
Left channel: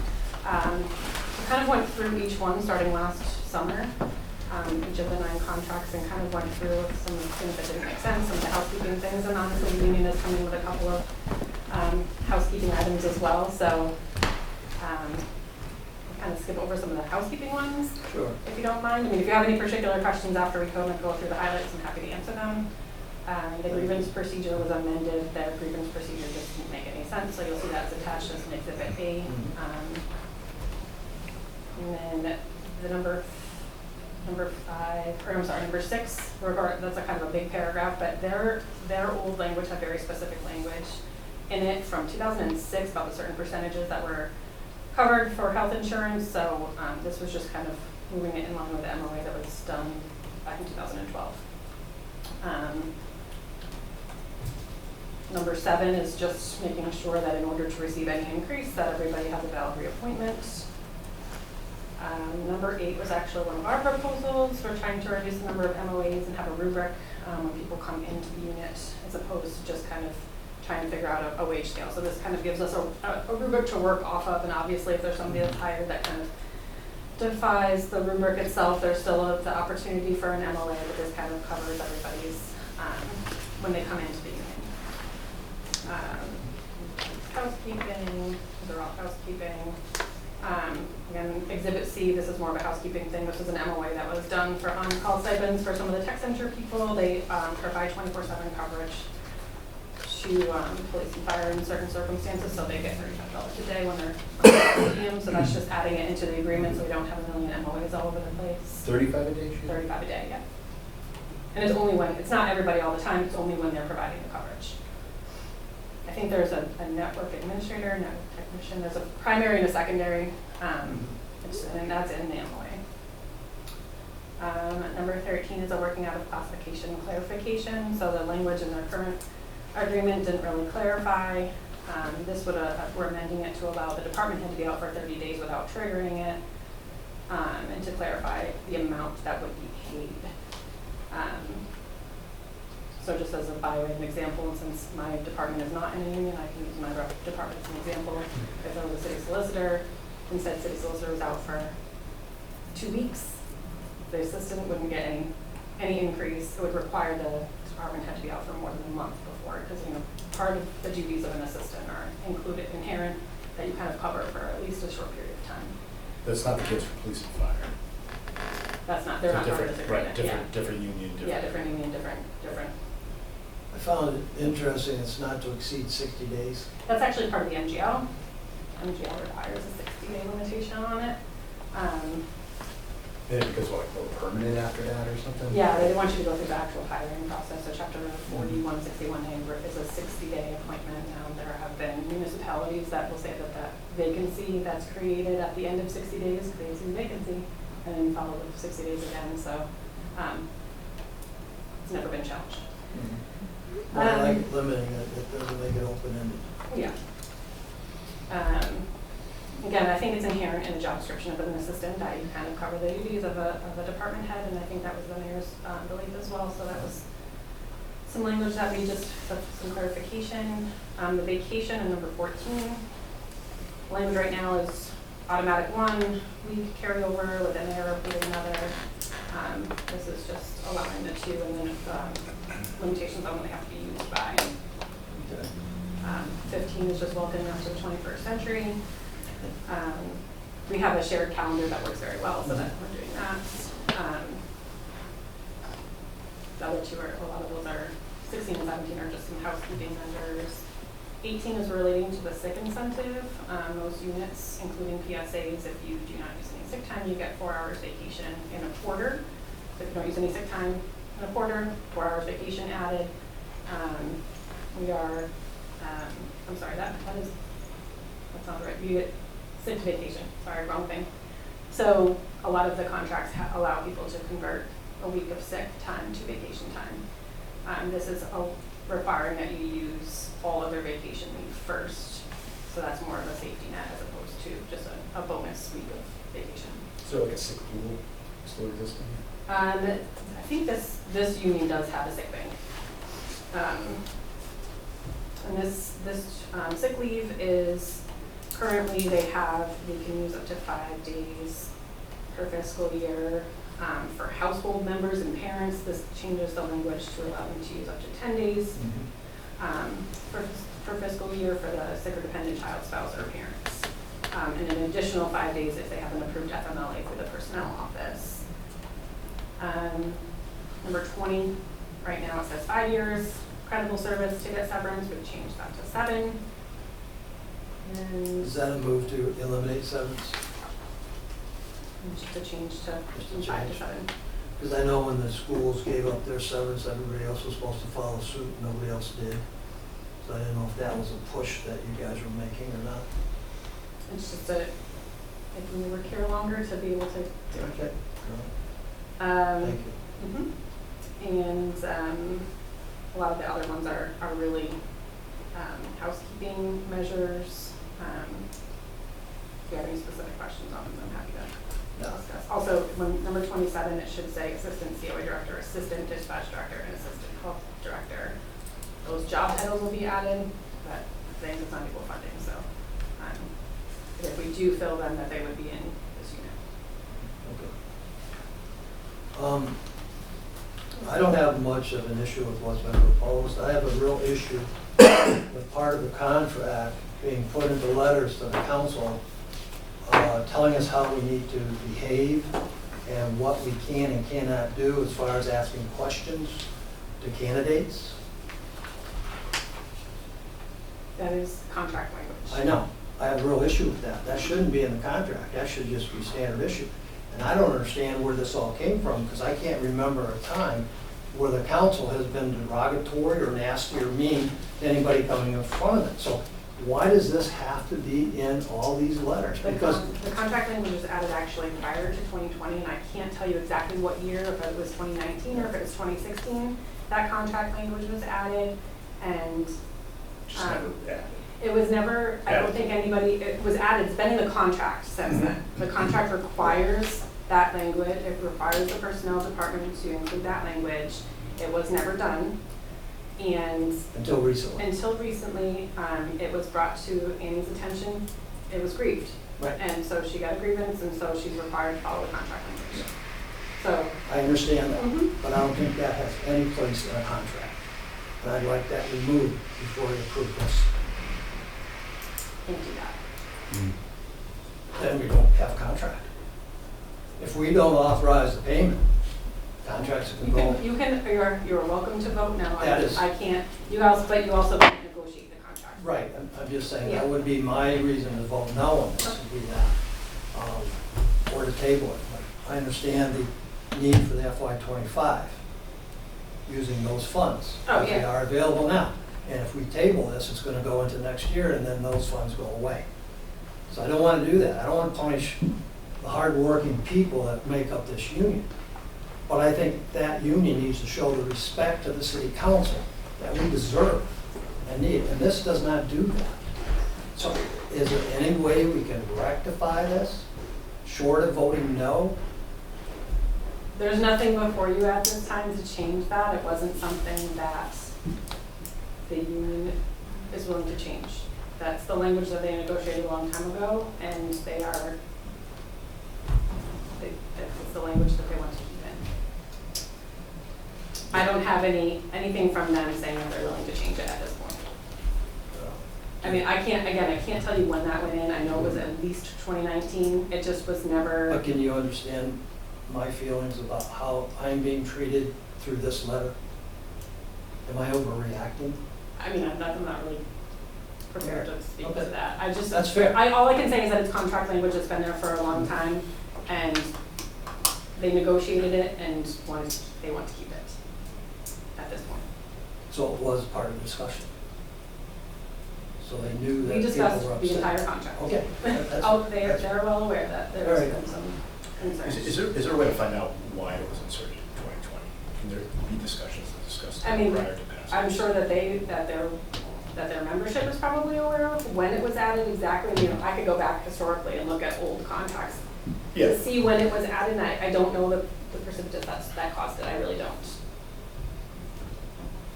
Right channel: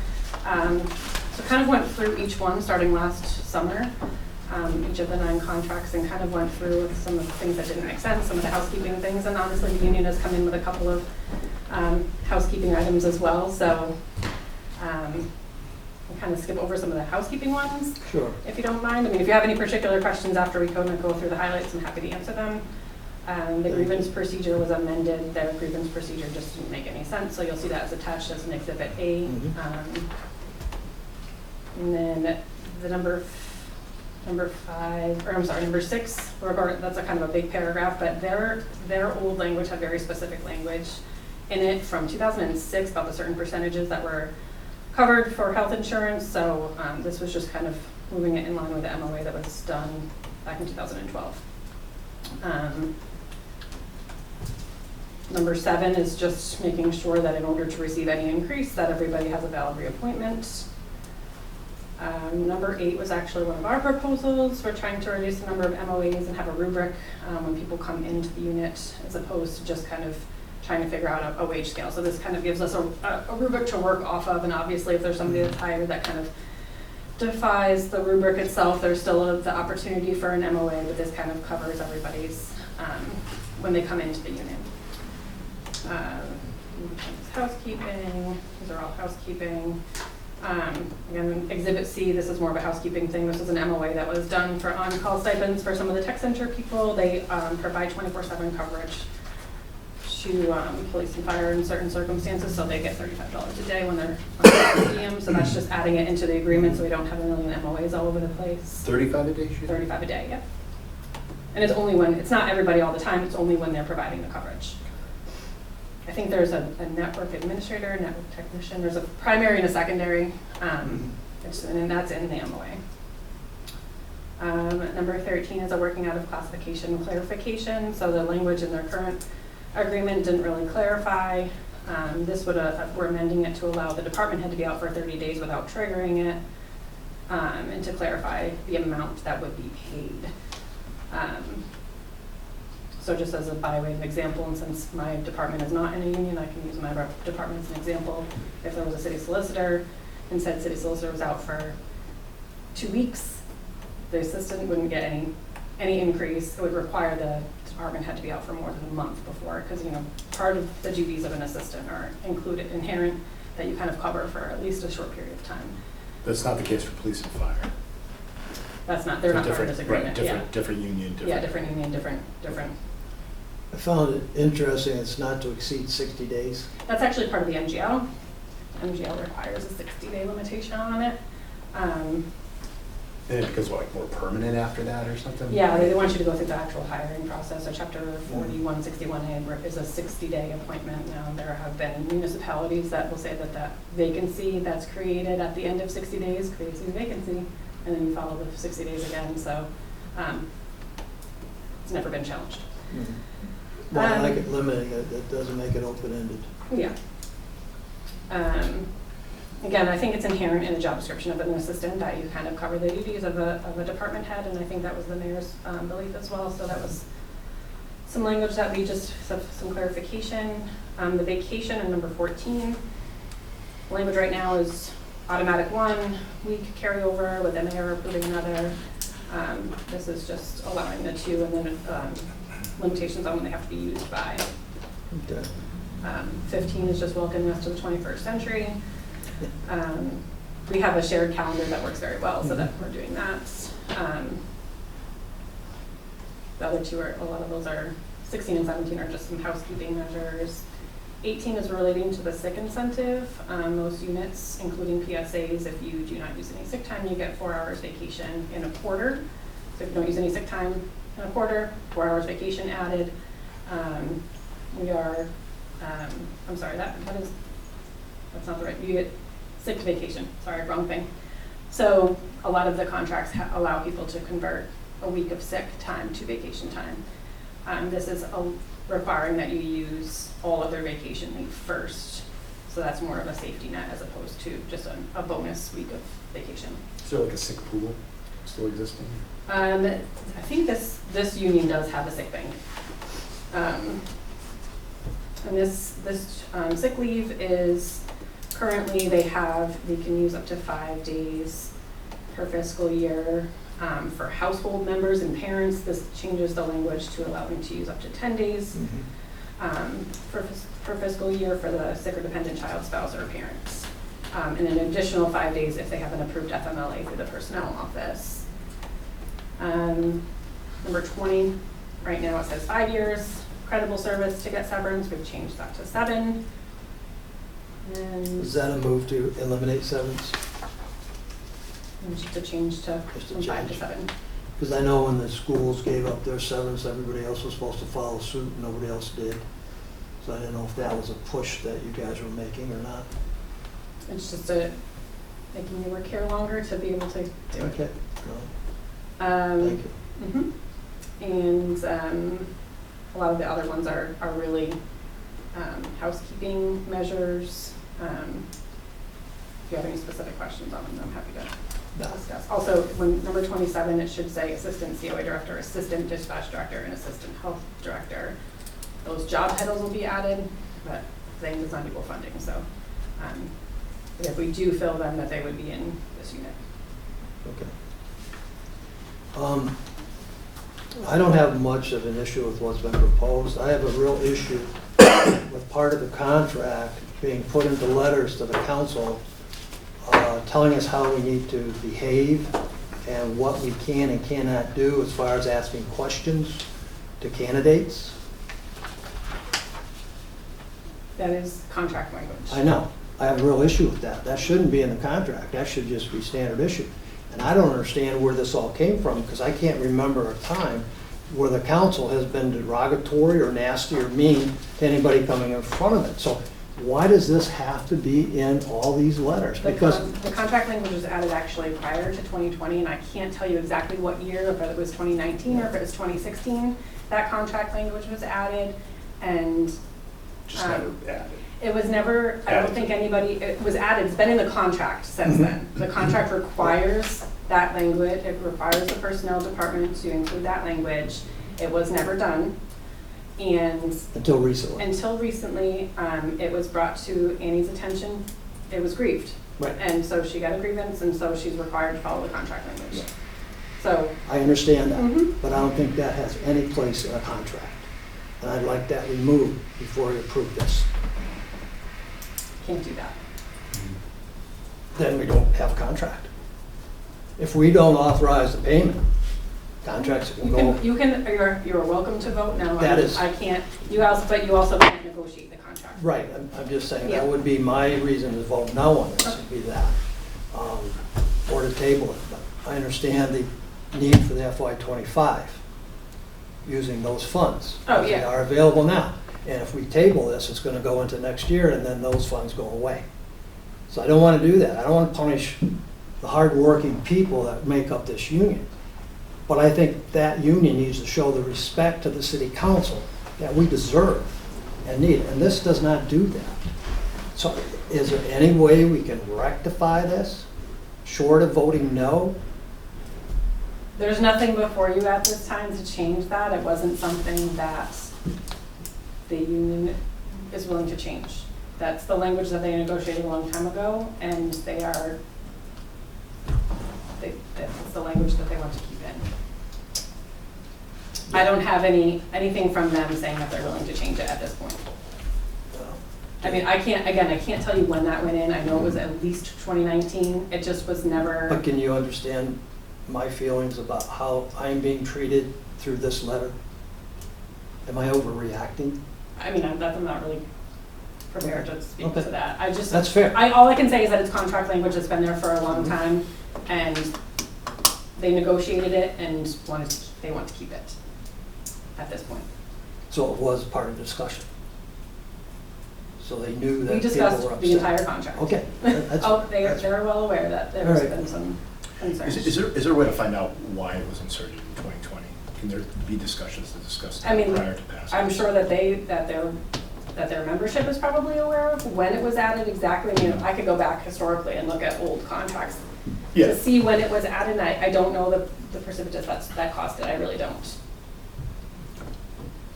So kind of went through each one starting last summer, each of the 9 contracts, and kind of went through some of the things that didn't make sense, some of the housekeeping things, and honestly the union has come in with a couple of housekeeping items as well. So we'll kind of skip over some of the housekeeping ones, Sure. if you don't mind. I mean, if you have any particular questions after we go through the highlights, I'm happy to answer them. The grievance procedure was amended. Their grievance procedure just didn't make any sense, so you'll see that as attached as an Exhibit A. And then the number 6, that's a kind of a big paragraph, but their old language had very specific language in it from 2006 about the certain percentages that were covered for health insurance, so this was just kind of moving it in line with the MOA that was done back in 2012. Number 7 is just making sure that in order to receive any increase that everybody has a valid reappointment. Number 8 was actually one of our proposals. We're trying to reduce the number of MOAs and have a rubric when people come into the unit, as opposed to just kind of trying to figure out a wage scale. So this kind of gives us a rubric to work off of, and obviously if there's somebody that's hired that kind of defies the rubric itself, there's still the opportunity for an MOA, but this kind of covers everybody's when they come into the unit. Housekeeping, these are all housekeeping. Again, Exhibit C, this is more of a housekeeping thing. This is an MOA that was done for on-call stipends for some of the tech center people. They provide 24/7 coverage to police and fire in certain circumstances, so they get $35 a day when they're on PM. So that's just adding it into the agreement so we don't have a million MOAs all over the place. 35 a day, she said? 35 a day, yeah. And it's only when, it's not everybody all the time, it's only when they're providing the coverage. I think there's a network administrator, network technician, there's a primary and a secondary, and that's in the MOA. Number 13 is a working out of classification clarification. So the language in their current agreement didn't really clarify. This would, we're amending it to allow the department head to be out for 30 days without triggering it, and to clarify the amount that would be paid. So just as a by way of example, and since my department is not in a union, I can use my department as an example. If there was a city solicitor and said city solicitor was out for 2 weeks, the assistant wouldn't get any increase. It would require the department head to be out for more than a month before, because part of the duties of an assistant are inherent that you kind of cover for at least a short period of time. That's not the case for police and fire. That's not, they're not part of this agreement. Right, different union, different. Yeah, different union, different. I found it interesting, it's not to exceed 60 days. That's actually part of the MGL. MGL requires a 60-day limitation on it. And it becomes like more permanent after that or something? Yeah, they want you to go through the actual hiring process. So Chapter 4161A is a 60-day appointment. Now, there have been municipalities that will say that that vacancy that's created at the end of 60 days creates a vacancy, and then you follow the 60 days again. So it's never been challenged. Well, I like it limiting it, it doesn't make it open-ended. Yeah. Again, I think it's inherent in the job description of an assistant that you kind of cover the duties of a department head, and I think that was the mayor's belief as well. So that was some language that we just, some clarification. The vacation in number 14, language right now is automatic 1 week carryover with the mayor approving another. This is just allowing the 2 and then limitations on when they have to be used by. Okay. 15 is just welcoming us to the 21st century. We have a shared calendar that works very well, so that we're doing that. The other 2 are, a lot of those are, 16 and 17 are just some housekeeping measures. 18 is relating to the sick incentive. Most units, including PSAs, if you do not use any sick time, you get 4 hours vacation in a quarter. So if you don't use any sick time in a quarter, 4 hours vacation added. We are, I'm sorry, that's not the right, you get sick to vacation, sorry, wrong thing. So a lot of the contracts allow people to convert a week of sick time to vacation time. This is requiring that you use all of their vacation leave first. So that's more of a safety net as opposed to just a bonus week of vacation. Is there like a sick pool still existing? I think this union does have a sick bank. And this sick leave is currently they can use up to 5 days per fiscal year. For household members and parents, this changes the language to allow them to use up to 10 days per fiscal year for the sick or dependent child, spouse, or parents. And an additional 5 days if they have an approved FMLA through the personnel office. Number 20, right now it says 5 years, credible service to get severance. We've changed that to 7. And Is that a move to eliminate severance? just to change to Just to from 5 to change. 7. Because I know when the schools gave up their severance, everybody else was supposed to follow suit, nobody else did. So I didn't know if that was a push that you guys were making or not. It's just making you work here longer to be able to do it. Okay, thank you. Mhm. And a lot of the other ones are really housekeeping measures. If you have any specific questions on them, I'm happy to No. discuss. Also, when number 27, it should say assistant COA director, assistant dispatch director, and assistant health director. Those job titles will be added, but things it's not equal funding, so if we do fill them, that they would be in this unit. Okay. I don't have much of an issue with what's been proposed. I have a real issue with part of the contract being put into letters to the council telling us how we need to behave and what we can and cannot do as far as asking questions to candidates. That is contract language. I know. I have a real issue with that. That shouldn't be in the contract. That should just be standard issue. And I don't understand where this all came from, because I can't remember a time where the council has been derogatory or nasty or mean to anybody coming in front of it. So why does this have to be in all these letters? Because The contract language was added actually prior to 2020, and I can't tell you exactly what year, if it was 2019 or if it was 2016, that contract language was added, and Just never added. it was never, I don't think anybody, it was added, it's been in the contract since then. The contract requires that language, it requires the personnel department to include that language. It was never done, and until recently. until recently, it was brought to Annie's attention, it was grieved. Right. And so she got a grievance, and so she's required to follow the contract language. So, I understand that, Mhm. but I don't think that has any place in a contract. And I'd like that removed before you approve this. can't do that. Then we don't have a contract. If we don't authorize the payment, contracts can go. You're welcome to vote no. That is- I can't, but you also can't negotiate the contract. Right, I'm just saying, Yeah. that would be my reason to vote no on this, would be that, or to table it. But I understand the need for the FY '25, using those funds. Oh, They yeah. are available now. And if we table this, it's gonna go into next year, and then those funds go away. So I don't wanna do that. I don't wanna punish the hardworking people that make up this union. But I think that union needs to show the respect to the city council that we deserve and need, and this does not do that. So is there any way we can rectify this, short of voting no? There's nothing before you at this time to change that. It wasn't something that the union is willing to change. That's the language that they negotiated a long time ago, and that's the language that they want to keep in. I don't have anything from them saying that they're willing to change it at this point. I mean, I can't tell you when that went in. I know it was at least 2019. It just was never. But can you understand my feelings about how I'm being treated through this letter? Am I overreacting? I mean, I'm not really prepared to speak to Okay. that. I just. That's fair. All I can say is that it's contract language that's been there for a long time, and they negotiated it and they want to keep it at this point. So it was part of the discussion. So they knew that We people discussed were upset. the entire contract. Okay. That's- Oh, that's- they're well aware that All there's right. been some concerns. Is there a way to find out why it was inserted in 2020? Can there be discussions to discuss I mean, that prior to passing? I'm sure that their membership is probably aware of when it was added exactly. I mean, I could go back historically and look at old contracts Yeah. to see when it was added, and I don't know the precipitous that caused it. I really don't.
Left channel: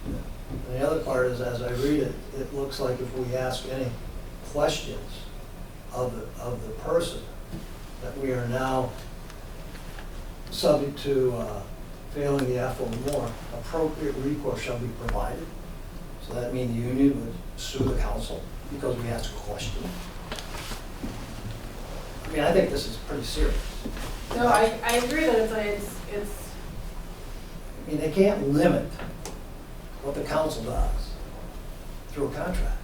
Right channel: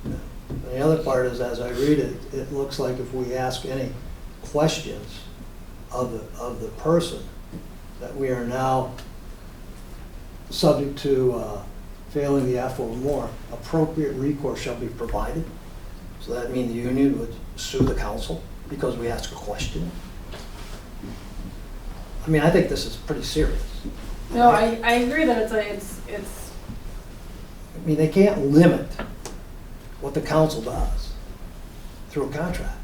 And the other part is, as I read it, it looks like if we ask any questions of the person, that we are now subject to failing the F or more, appropriate recourse shall be provided. So that means the union would sue the council because we ask a question. I mean, I think this is pretty serious. No, I agree that it's. I mean, they can't limit what the council does through a contract.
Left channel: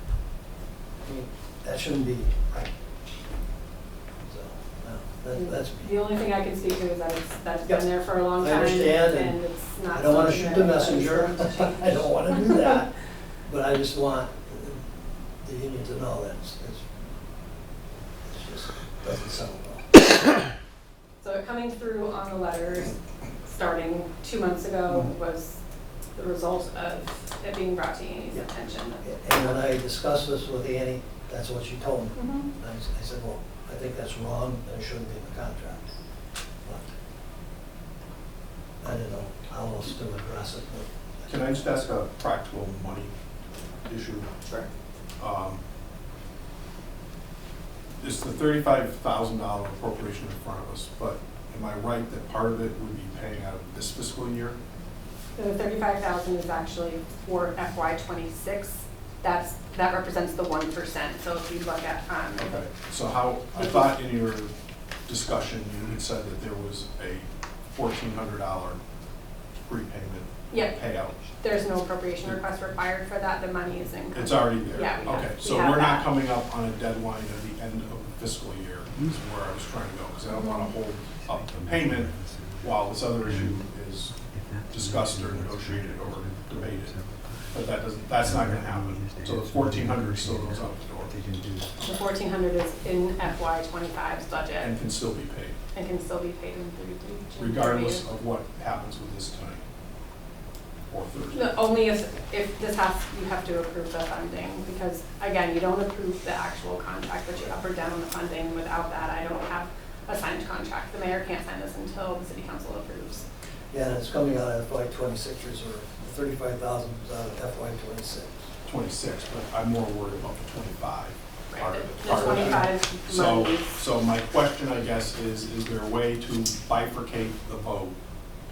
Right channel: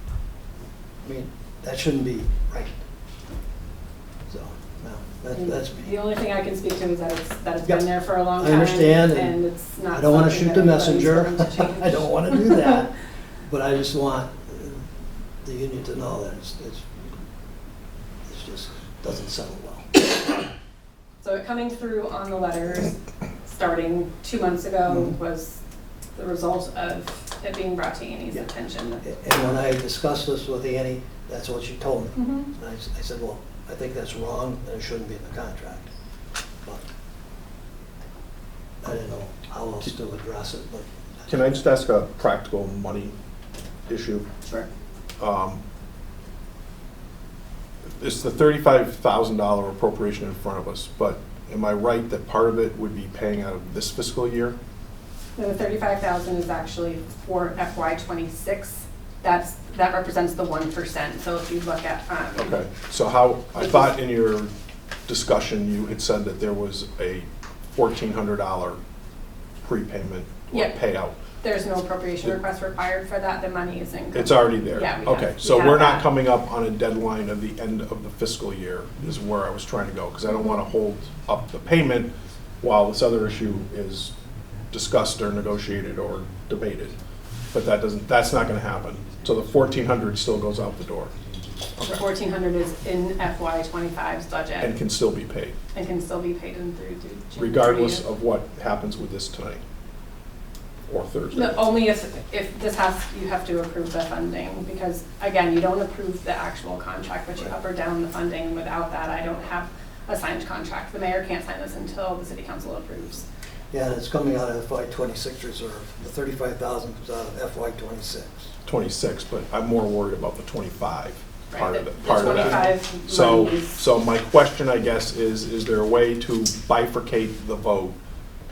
I mean, that shouldn't be right. So, no, that's The me. only thing I can speak to is that it's Yep. been there for a long I time. understand, And and it's not. I don't want to something shoot the that anybody's messenger. going to change. I don't want to do that. But I just want the union to know that it's just, doesn't settle well. So it coming through on the letters, starting 2 months ago, Mhm. was the result of it being brought to Annie's Yeah. attention. And when I discussed this with Annie, that's what she told me. Mhm. And I said, well, I think that's wrong, and it shouldn't be in the contract. But I didn't know how else to address it, but. Can I just ask a practical money issue? Sure. It's the $35,000 appropriation in front of us, but am I right that part of it would be paying out of this fiscal year? The 35,000 is actually for FY '26. That represents the 1%. So if you look at. Okay, so how, I thought in your discussion, you had said that there was a $1,400 prepayment or Yep. payout. There's no appropriation request required for that. The money is in. It's already there? Yeah, we have- Okay, we so have we're not that. coming up on a deadline of the end of the fiscal year, is where I was trying to go, because I don't want to hold up the payment while this other issue is discussed or negotiated or debated. But that's not going to happen. So the 1,400 still goes out the door The 1,400 is in FY '25's budget and can still be paid, and can still be paid in through June regardless 30th. of what happens with this tonight or Thursday. No, only if this has, you have to approve the funding, because again, you don't approve the actual contract, but you up or down the funding. Without that, I don't have a signed contract. The mayor can't sign this until the city council approves. Yeah, and it's coming out of FY '26 reserve. The 35,000 comes out of FY '26. 26, but I'm more worried about the 25 Right, part the of it. the part of that. 25 So, monies. so my question, I guess, is there a way to bifurcate the vote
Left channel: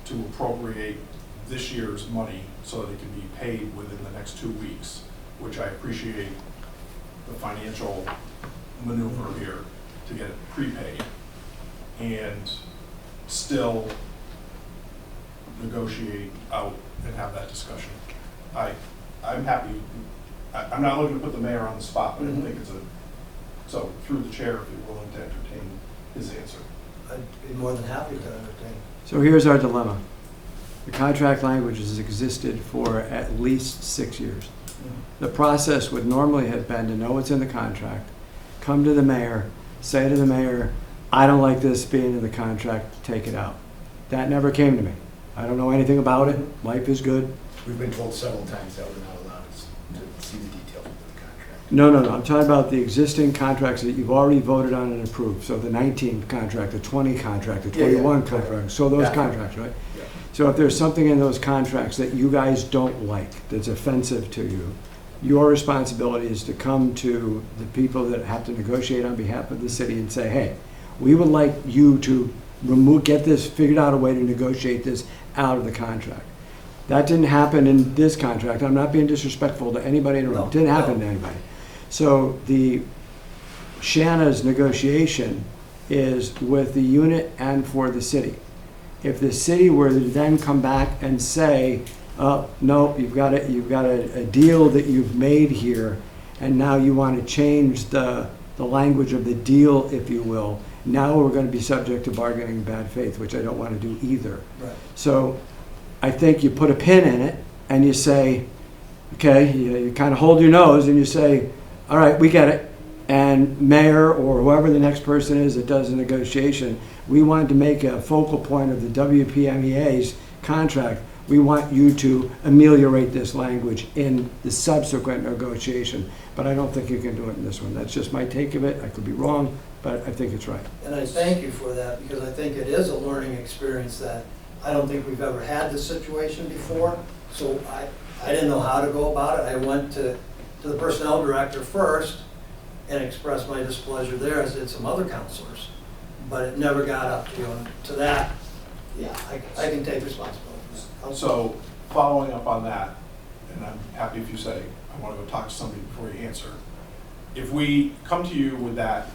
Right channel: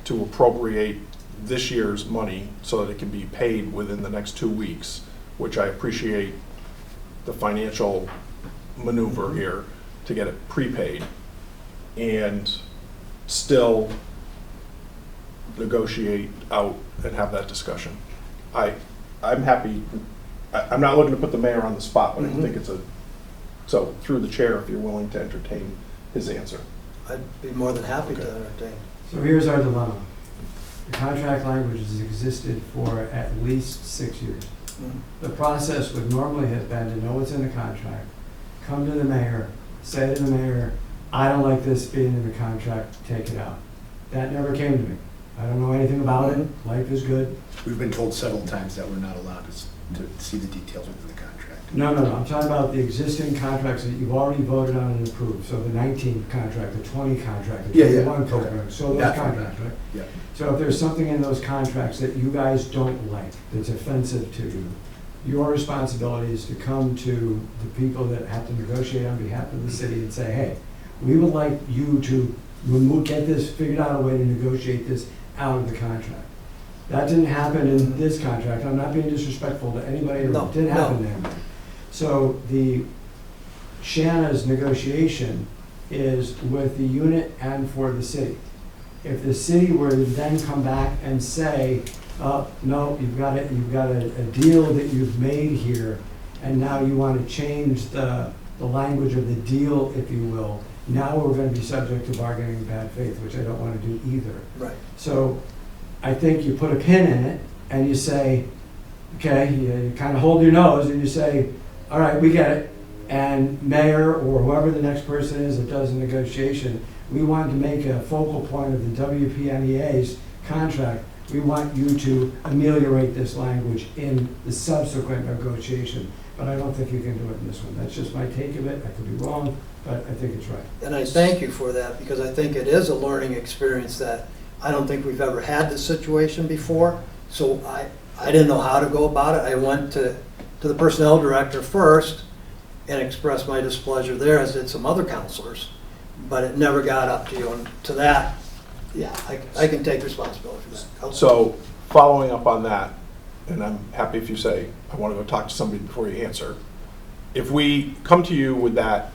to appropriate this year's money so that it can be paid within the next 2 weeks, which I appreciate the financial maneuver here to get it prepaid, and still negotiate out and have that discussion? I'm happy, I'm not looking to put the mayor on the spot, but I Mhm. think it's so through the chair, if you're willing to entertain his answer. I'd be more than happy to Okay. entertain. So here's our dilemma. The contract language has existed for at least 6 years. The process would normally have been to know what's in the contract, come to the mayor, say to the mayor, I don't like this being in the contract, take it out. That never came to me. I don't know anything about it. Life is good. We've been told several times that we're not allowed to see the details within the contract. No, I'm talking about the existing contracts that you've already voted on and approved. So the 19 contract, the 20 contract, the Yeah, yeah, 21 okay. contract, so those Yeah. contracts, right? Yeah. So if there's something in those contracts that you guys don't like, that's offensive to you, your responsibility is to come to the people that have to negotiate on behalf of the city and say, hey, we would like you to get this, figured out a way to negotiate this out of the contract. That didn't happen in this contract. I'm not being disrespectful to anybody in the room. It didn't happen to anybody. So the Shanna's negotiation is with the unit and for the city. If the city were to then come back and say, oh, no, you've got a deal that you've made here, and now you want to change the language of the deal, if you will, now we're going to be subject to bargaining in bad faith, which I don't want to do either. Right. So I think you put a pin in it and you say, okay, you kind of hold your nose and you say, all right, we get it. And mayor or whoever the next person is that does the negotiation, we want to make a focal point of the WPMEA's contract. We want you to ameliorate this language in the subsequent negotiation. But I don't think you can do it in this one. That's just my take of it. I could be wrong, but I think it's right. And I thank you for that, because I think it is a learning experience that I don't think we've ever had this situation before. So I didn't know how to go about it. I went to the personnel director first and expressed my displeasure there, as did some other counselors. But it never got up to you. And to that, yeah, I can take responsibility for that. So, following up on that, and I'm happy if you say, I want to go talk to somebody before you answer. If we come to you with that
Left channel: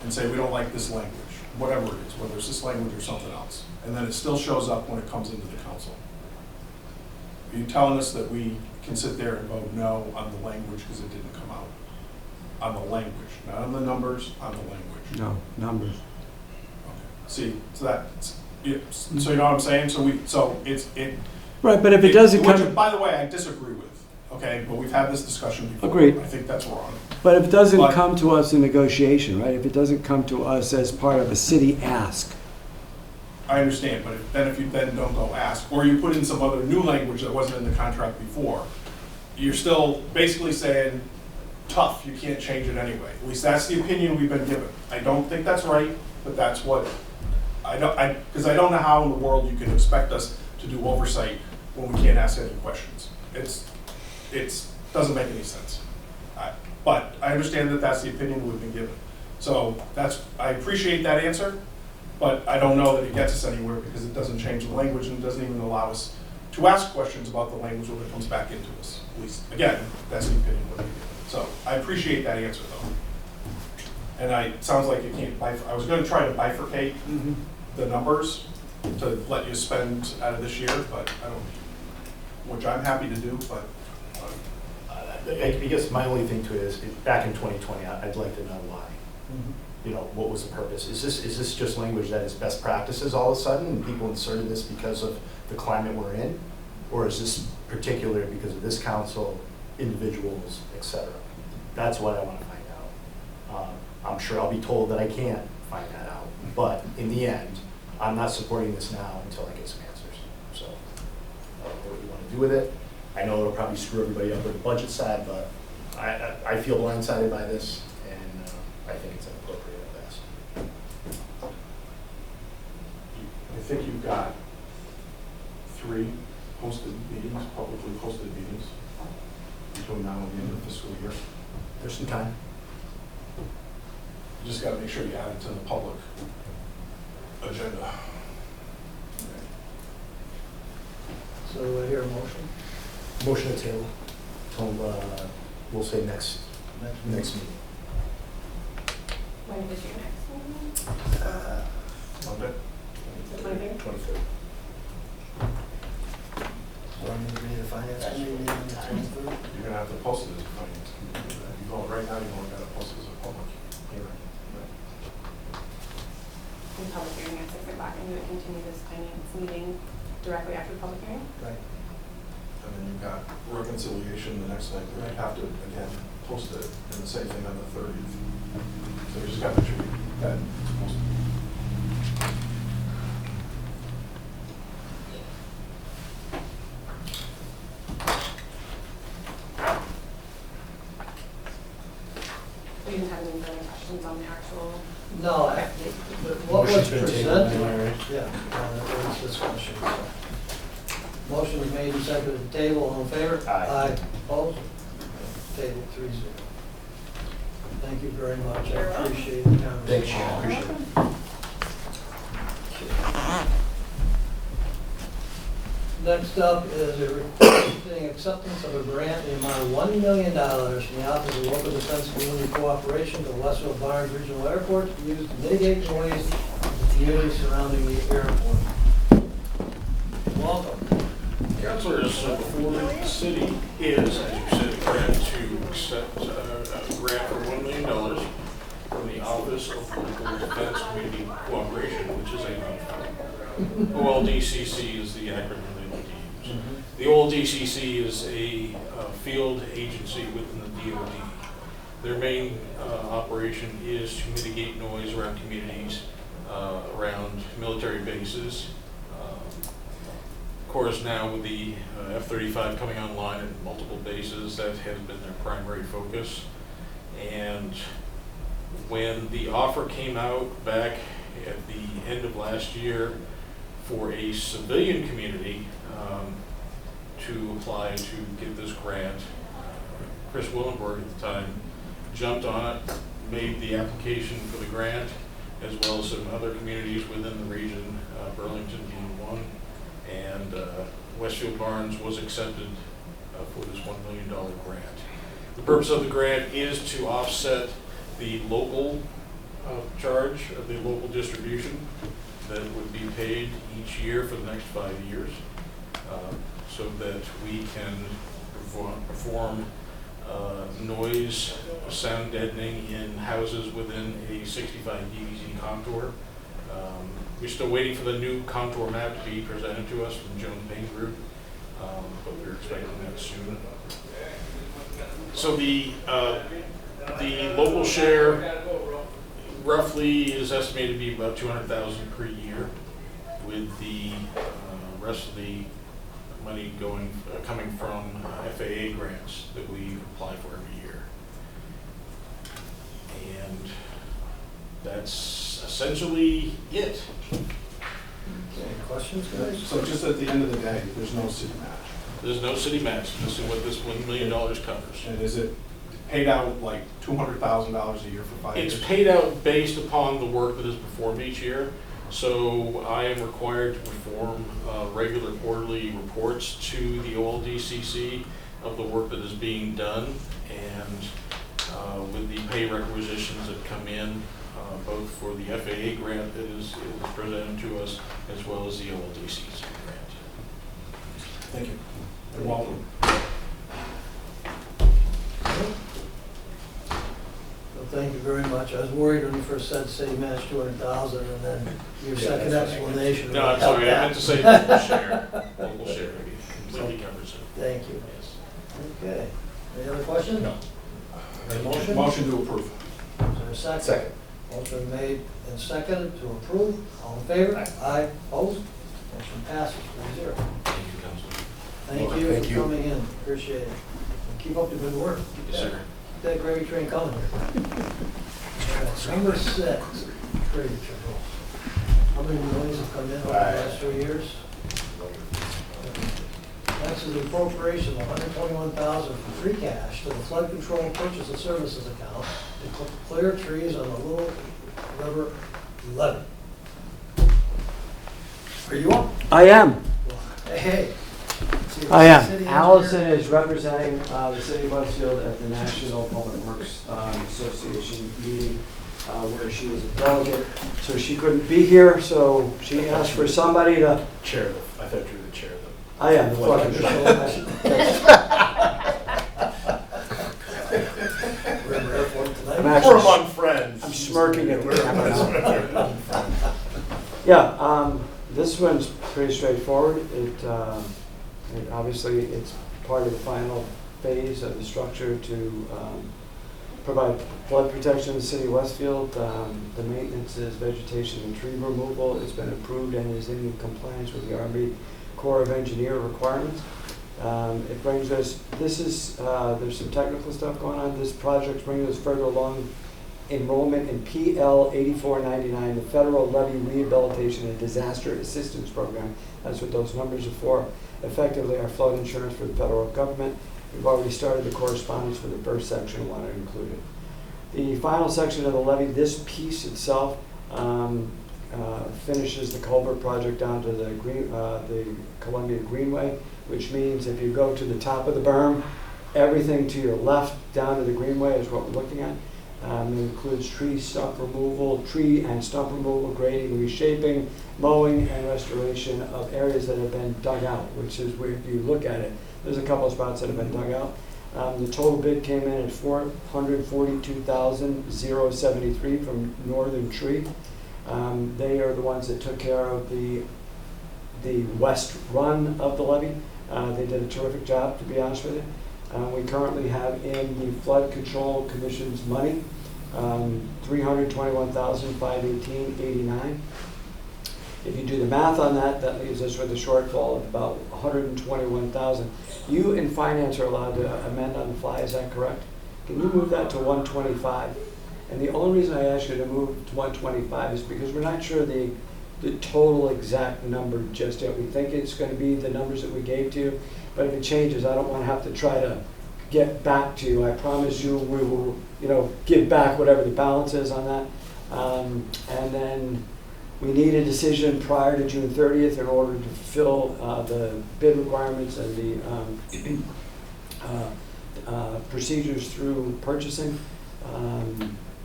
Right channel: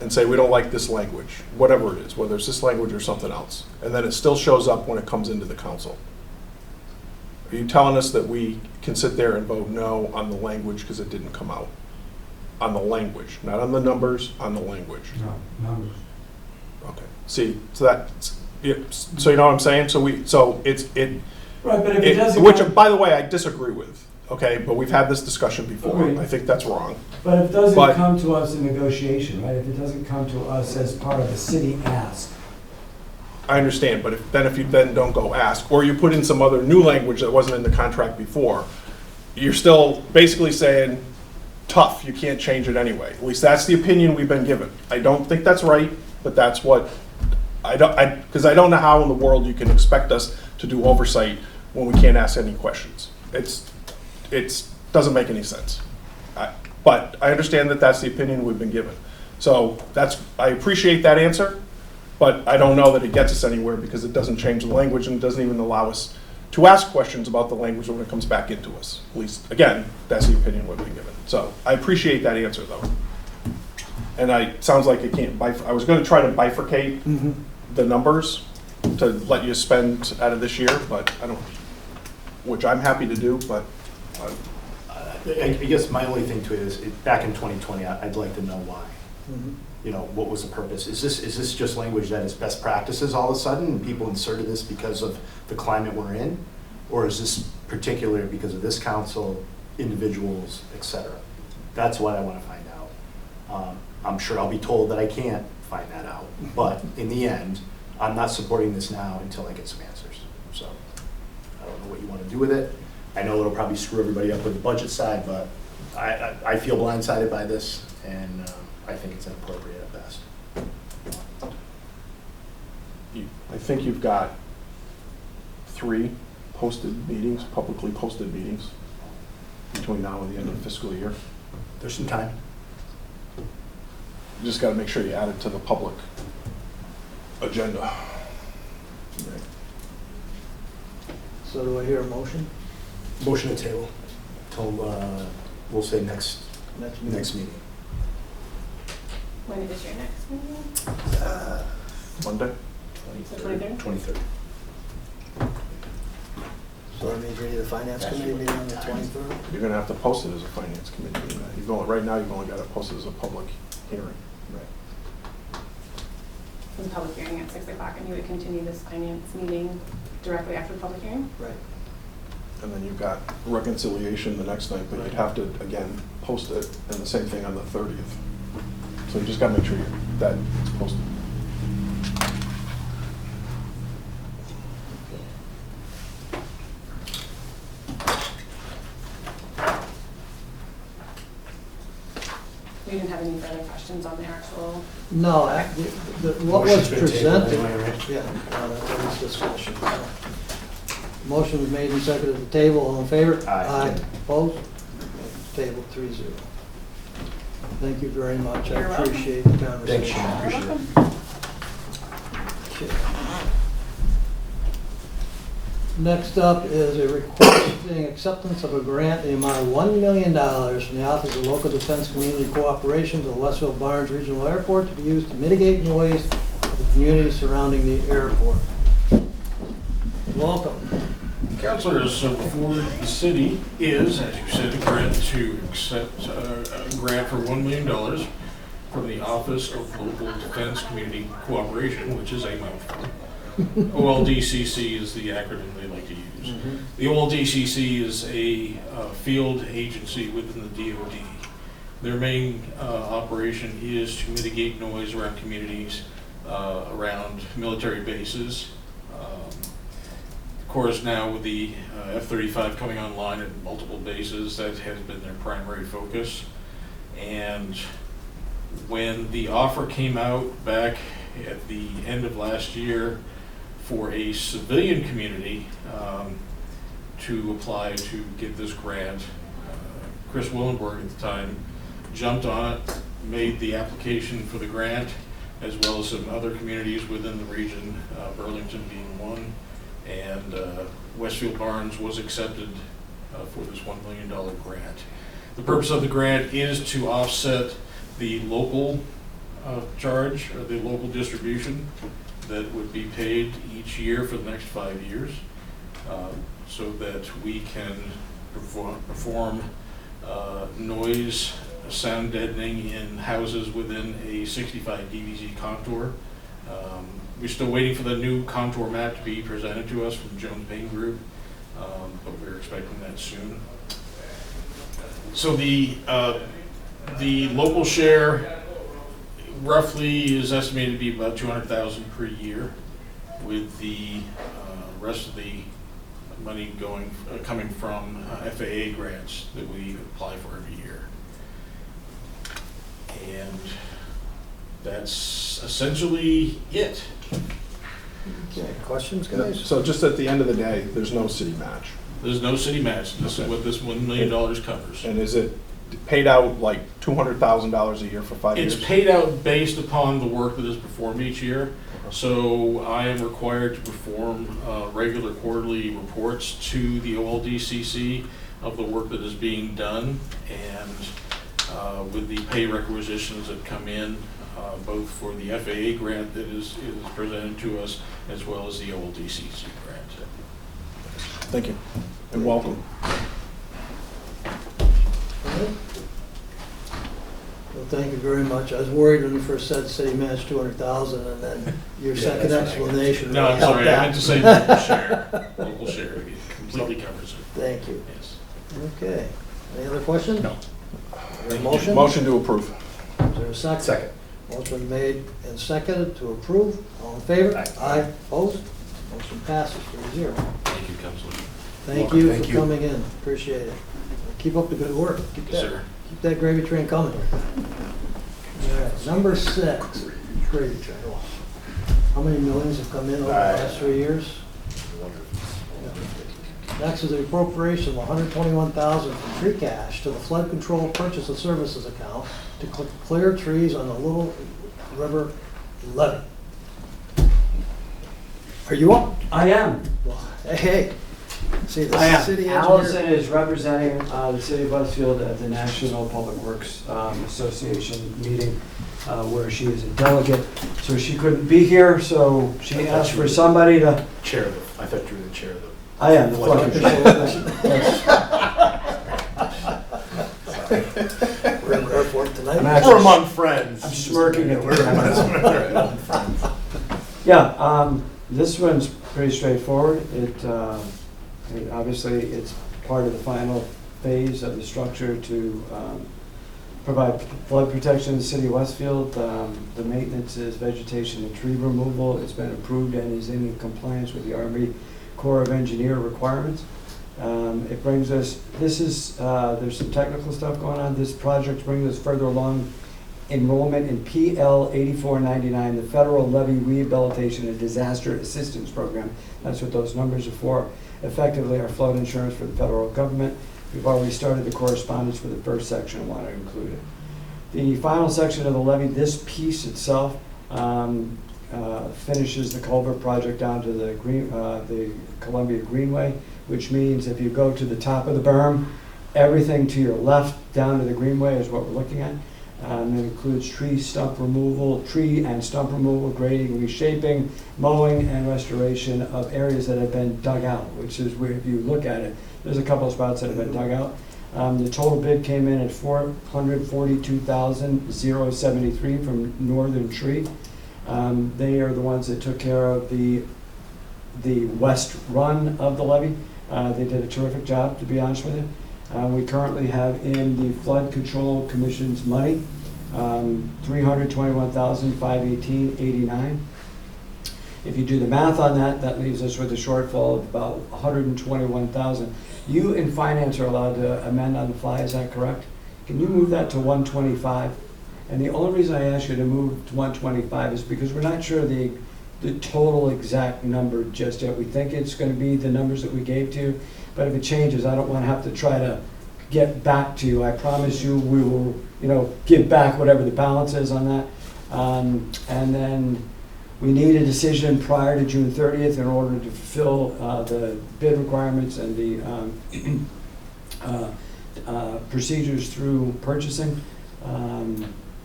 and say, we don't like this language, whatever it is, whether it's this language or something else, and then it still shows up when it comes into the council, are you telling us that we can sit there and vote no on the language because it didn't come out? On the language, not on the numbers, on the language? No, numbers. Okay. See, so that's, so you know what I'm saying? Right, but if it doesn't Which, come, by the way, I disagree with, okay, but we've had this discussion before. Agreed. I think that's wrong. but if it doesn't but- come to us in negotiation, right? If it doesn't come to us as part of a city ask, I understand, but if you then don't go ask, or you put in some other new language that wasn't in the contract before, you're still basically saying, tough, you can't change it anyway. At least that's the opinion we've been given. I don't think that's right, but that's what, because I don't know how in the world you can expect us to do oversight when we can't ask any questions. It's doesn't make any sense. But I understand that that's the opinion we've been given. So I appreciate that answer, but I don't know that it gets us anywhere because it doesn't change the language and it doesn't even allow us to ask questions about the language when it comes back into us. At least, again, that's the opinion we've been given. So I appreciate that answer though. And it sounds like it can't I was gonna try to bifurcate the numbers to let you spend out of this year, but I don't, which I'm happy to do, but I guess my only thing to it is, back in 2020, I'd like to know why. You know, what was the purpose? Is this just language that is best practices all of a sudden, and people inserted this because of the climate we're in? Or is this particular because of this council, individuals, et cetera? That's what I want to find out. I'm sure I'll be told that I can't find that out, but in the end, I'm not supporting this now until I get some answers. So I don't know what you want to do with it. I know it'll probably screw everybody up with the budget side, but I feel blindsided by this, and I think it's inappropriate at best. I think you've got 3 posted meetings, publicly posted meetings between now and the end of the fiscal year. There's some time. You just gotta make sure you add it to the public agenda. So do I hear a motion? Motion to table till, we'll say next meeting. When is your next meeting? Monday? 23rd? 23rd. So that means we need a finance committee meeting on the 23rd? You're gonna have to post it as a finance committee. Right now, you've only got to post it as a public hearing. The public hearing at 6 o'clock, and you would continue this finance meeting directly after the public hearing? Right. And then you've got reconciliation the next night, but you'd have to, again, post it, and the same thing on the 30th. So you just gotta make sure that it's posted. We didn't have any further questions on the actual. No, what was Motion's been tabled presented, anyway, right? yeah, there was discussion. So. Motion was made and seconded at the table, all in favor? Aye. Opposed? Table 3-0. Thank you very much, I You're welcome. appreciate the conversation. Thanks, Shannon, appreciate it. Okay. Next up is a requesting acceptance of a grant in the amount of $1 million from the Office of Local Defense Community Cooperation to the Westfield Barnes Regional Airport to be used to mitigate noise of the community surrounding the airport. Welcome. Councilors, so before the city is, as you said, agreed to accept a grant for $1 million from the Office of Local Defense Community Cooperation, which is a mouthful. OLDCC is the acronym they like to use. The OLDCC is a field agency within the DoD. Their main operation is to mitigate noise around communities, around military bases. Of course, now with the F-35 coming online at multiple bases, that has been their primary focus. And when the offer came out back at the end of last year for a civilian community to apply to get this grant, Chris Willenberg at the time jumped on it, made the application for the grant, as well as some other communities within the region, Burlington being one. And Westfield Barnes was accepted for this $1 million grant. The purpose of the grant is to offset the local charge, or the local distribution that would be paid each year for the next 5 years, so that we can perform noise, sound deadening in houses within a 65 DVZ contour. We're still waiting for the new contour map to be presented to us from Jones Payne Group, but we're expecting that soon. So the local share roughly is estimated to be about $200,000 per year, with the rest of the money coming from FAA grants that we apply for every year. And that's essentially it. Okay, questions, guys? So just at the end of the day, there's no city match. There's no city match. This is what this $1 million covers. And is it paid out like $200,000 a year for 5 years? It's paid out based upon the work that is performed each year. So I am required to perform regular quarterly reports to the OLDCC of the work that is being done, and with the pay requisitions that come in, both for the FAA grant that is presented to us, as well as the OLDCC grant. Thank you, and welcome. Well, thank you very much. I was worried when you first said city match 200,000, and then your second that's fine. explanation No, really I'm helped sorry, I that. meant to say local share. Local share, it completely covers it, Thank you. yes. Okay. Any other questions? No. Motion? Motion to approve. Is there a second? Second. Motion made and seconded to approve. All in favor? Aye. Aye. Opposed? Motion passes 3-0. Thank you, Councilor. Thank you Thank for you. coming in. Appreciate it. Keep up the good work. Keep Yes, that- sir. Keep that gravy train coming. All right, number 6, gravy train. How many millions have come in over the last 3 years? Next is the appropriation of $121,000 from free cash to the flood control purchase of services account to clear trees on the Little River levee. Are you up? I am. Well, hey. See, the I am. city engineer- Allison is representing the city of Westfield at the National Public Works Association meeting where she is a delegate. So she couldn't be here, so she asked for somebody to. Chair of the, I thought you were the chair of the. I am. the Flood flood control. We're in airport tonight. I'm We're actually- among friends. I'm smirking at the We're camera. among friends. Yeah, this one's pretty straightforward. Obviously, it's part of the final phase of the structure to provide flood protection in the city of Westfield. The maintenance is vegetation and tree removal. It's been approved and is in compliance with the Army Corps of Engineer requirements. It brings us, there's some technical stuff going on. This project brings us further along enrollment in PL 8499, the Federal Levy Rehabilitation and Disaster Assistance Program. That's what those numbers are for. Effectively, our flood insurance for the federal government. We've already started the correspondence for the first section. I want to include it. The final section of the levy, this piece itself, finishes the culvert project down to the Columbia Greenway, which means if you go to the top of the berm, everything to your left down to the Greenway is what we're looking at. It includes tree and stump removal, grading, reshaping, mowing, and restoration of areas that have been dug out, which is where, if you look at it, there's a couple of spots that have been dug out. The total bid came in at $442,073 from Northern Tree. They are the ones that took care of the west run of the levee. They did a terrific job, to be honest with you. We currently have in the Flood Control Commission's money, $321,518.89. If you do the math on that, that leaves us with a shortfall of about $121,000. You in finance are allowed to amend on the fly, is that correct? Can you move that to 125? And the only reason I ask you to move to 125 is because we're not sure the total exact number just yet. We think it's going to be the numbers that we gave to you, but if it changes, I don't want to have to try to get back to you. I promise you we will, give back whatever the balance is on that. And then we need a decision prior to June 30th in order to fulfill the bid requirements and the procedures through purchasing.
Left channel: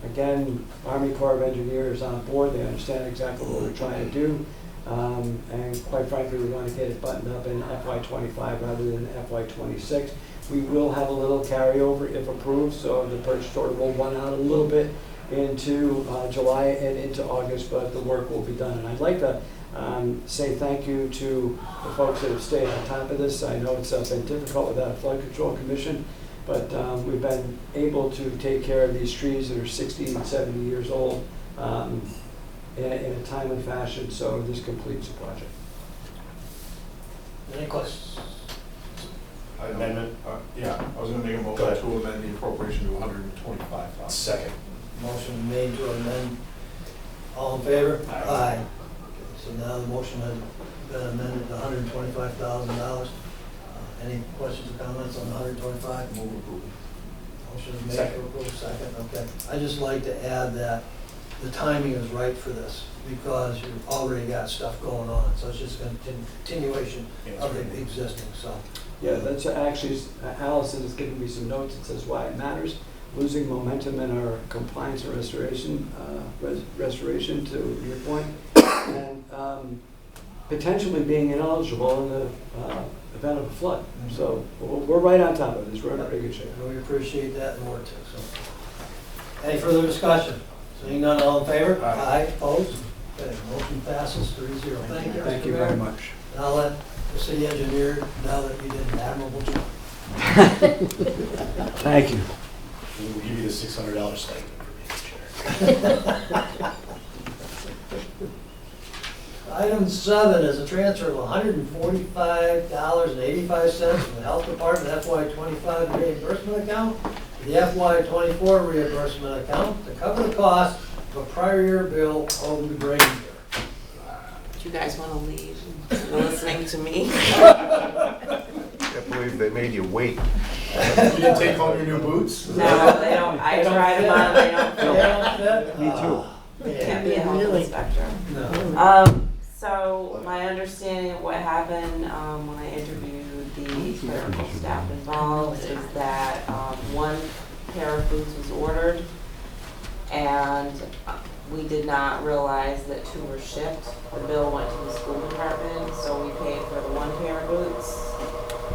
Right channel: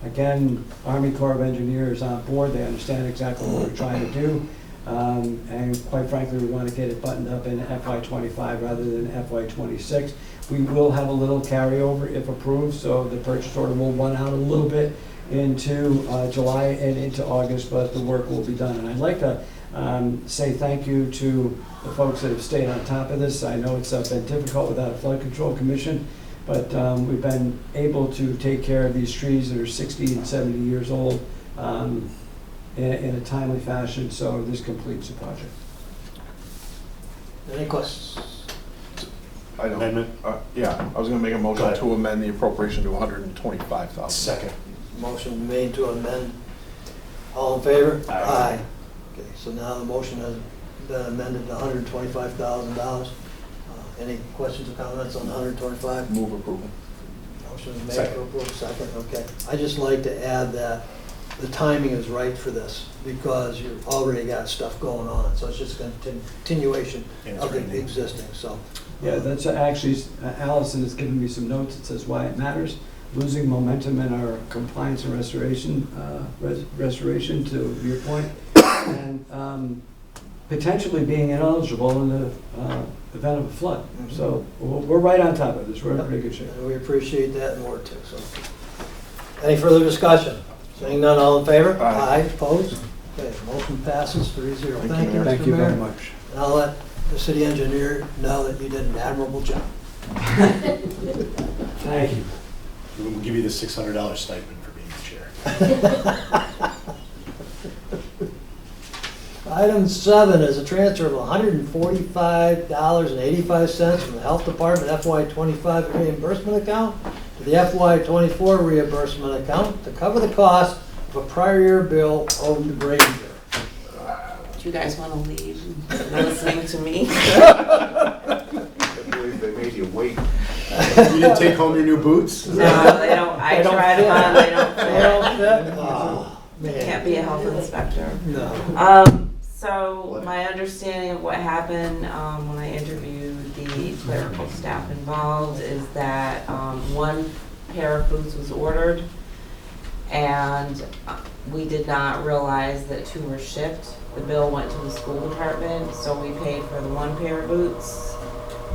Again, Army Corps of Engineers on board. They understand exactly what we're trying to do. And quite frankly, we want to get it buttoned up in FY25 rather than FY26. We will have a little carryover if approved, so the purchase order will run out a little bit into July and into August, but the work will be done. And I'd like to say thank you to the folks that have stayed on top of this. I know it's been difficult without a flood control commission, but we've been able to take care of these trees that are 60 and 70 years old in a timely fashion, so this completes the project. Any questions? Amendment? Yeah, I was gonna make a Go motion ahead. to amend the appropriation to $125,000. Second. Motion made to amend. All in favor? Aye. Okay, so now the motion has been amended to $125,000. Any questions or comments on the 125? Move approval. Motion is made Second. for approval, second, okay. I'd just like to add that the timing is right for this because you've already got stuff going on, so it's just a continuation Yeah, it's of the right. existing, so. Yeah, that's actually, Allison has given me some notes that says why it matters. Losing momentum in our compliance and restoration, to your point, and potentially being ineligible in the event of a flood. Mhm. So we're right on top of this. We're in pretty good shape. And we appreciate that and more too, so. Any further discussion? Seeing none, all in favor? Aye. Opposed? Okay, motion passes 3-0. Thank you, Thank Mr. you very Mayor. much. And I'll let the city engineer know that you did an admirable job. Thank you. We'll give you the $600 stipend for being the chair. Item 7 is a transfer of $145.85 from the Health Department FY25 reimbursement account to the FY24 reimbursement account to cover the cost of a prior year bill owed to Granger. Do you guys want to leave listening to me? I believe they made you wait. You didn't take home your new boots? No, they don't. I They don't tried them fit. on. They don't They fit. don't fit? Oh, man. Can't be a health inspector. No. So my understanding of what happened when I interviewed the clerical staff involved is that one pair of boots was ordered, and we did not realize that 2 were shipped. The bill went to the school department, so we paid for the 1 pair of boots.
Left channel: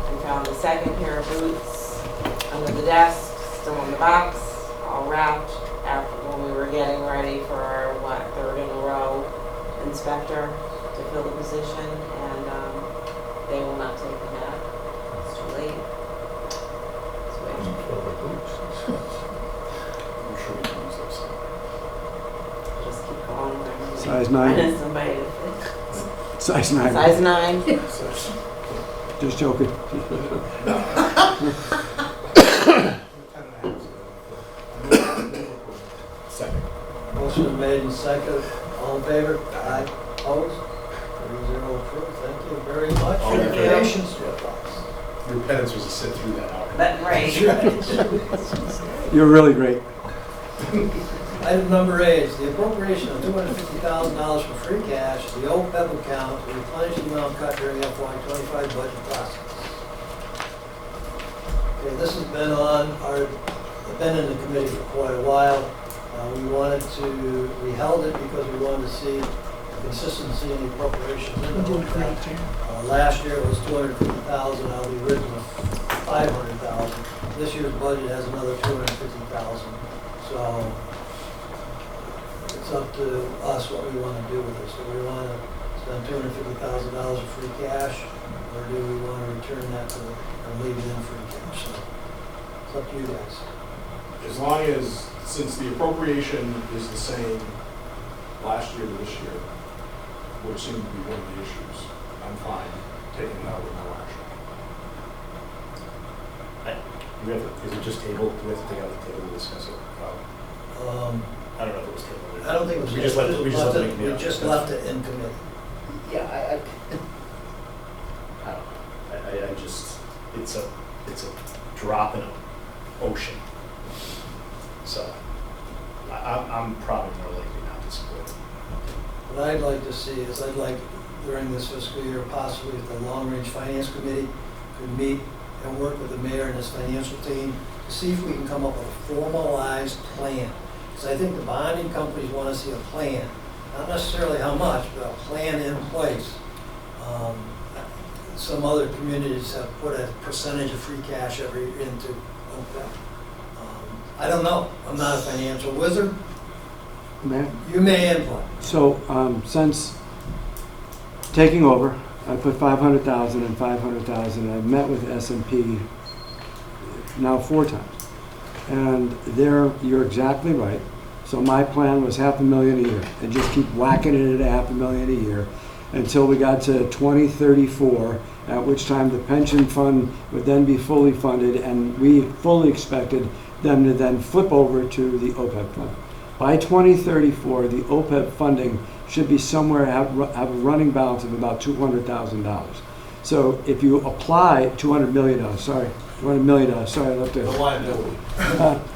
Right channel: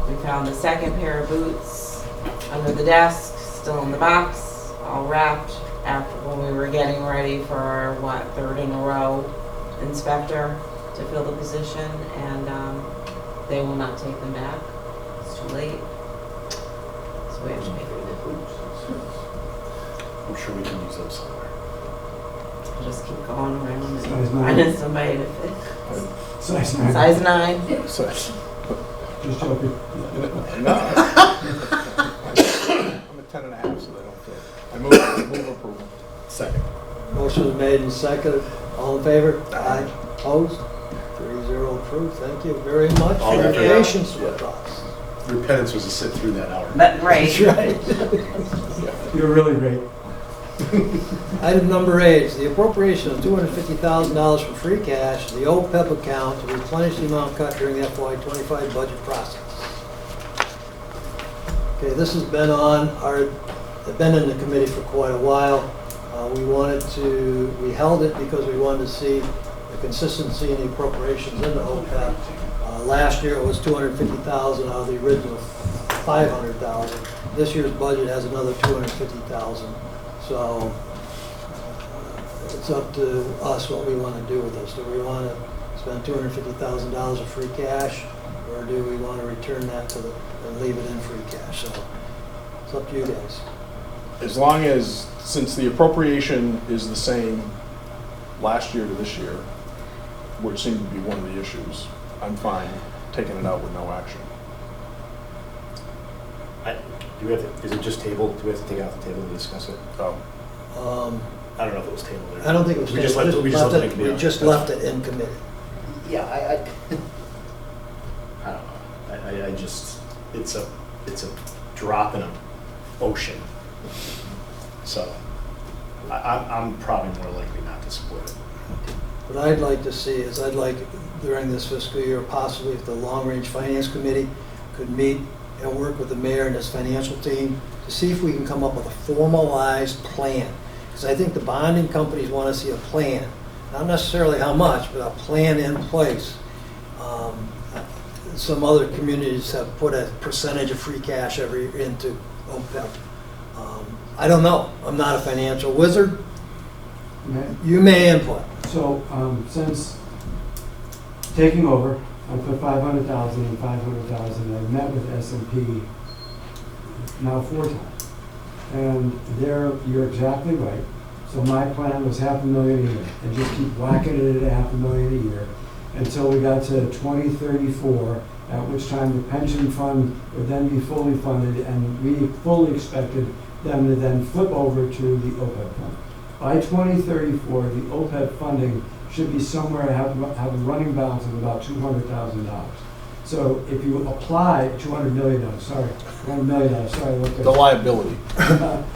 We found the 2nd pair of boots under the desk, still in the box, all wrapped, after when we were getting ready for our, 3rd in a row inspector to fill the position, and they will not take them back. It's too late. So we have to pay them. I'm sure we can use those somewhere. Just keep going around. Size 9. Finding somebody to fit. Size 9. Size 9. So, Just joking. I'm at 10.5, so I move approval. Second. Motion is made and seconded. All in favor? Aye. Opposed? 3-0 approved. Thank you very much All for your that for- patience with us. Your penance was to sit through that hour. But, right. That's right. You're really great. Item number 8 is the appropriation of $250,000 for free cash to the OPEB account to replenish the amount cut during the FY25 budget process. Okay, this has been been in the committee for quite a while. We held it because we wanted to see the consistency in the appropriations in the OPEB. Last year it was $250,000 out of the original $500,000. This year's budget has another $250,000. So it's up to us what we want to do with this. Do we want to spend $250,000 of free cash, or do we want to return that to and leave it in free cash? So it's up to you guys. As long as, since the appropriation is the same last year to this year, which seemed to be one of the issues, I'm fine taking it out with no action. Do we have to, is it just tabled? Do we have to take it off the table to discuss it? I don't know if it was tabled. I don't think it was. We just left it in committee. We just left it in committee. Yeah, I don't know. I just, it's a drop in an ocean. So I'm probably more likely not to support it. What I'd like to see is during this fiscal year, possibly if the long-range finance committee could meet and work with the mayor and his financial team to see if we can come up with a formalized plan. Because I think the bonding companies want to see a plan, not necessarily how much, but a plan in place. Some other communities have put a percentage of free cash into OPEB. I don't know. I'm not a financial wizard. Okay. You may input. So, since taking over, I put 500,000 and 500,000. I met with S&P now 4 times. And you're exactly right. So my plan was $500,000 a year, and just keep whacking it at $500,000 a year until we got to 2034, at which time the pension fund would then be fully funded, and we fully expected them to then flip over to the OPEB fund. By 2034, the OPEB funding should be somewhere, have a running balance of about $200,000. So if you apply $200 million, $200 million, sorry, I looked at The liability.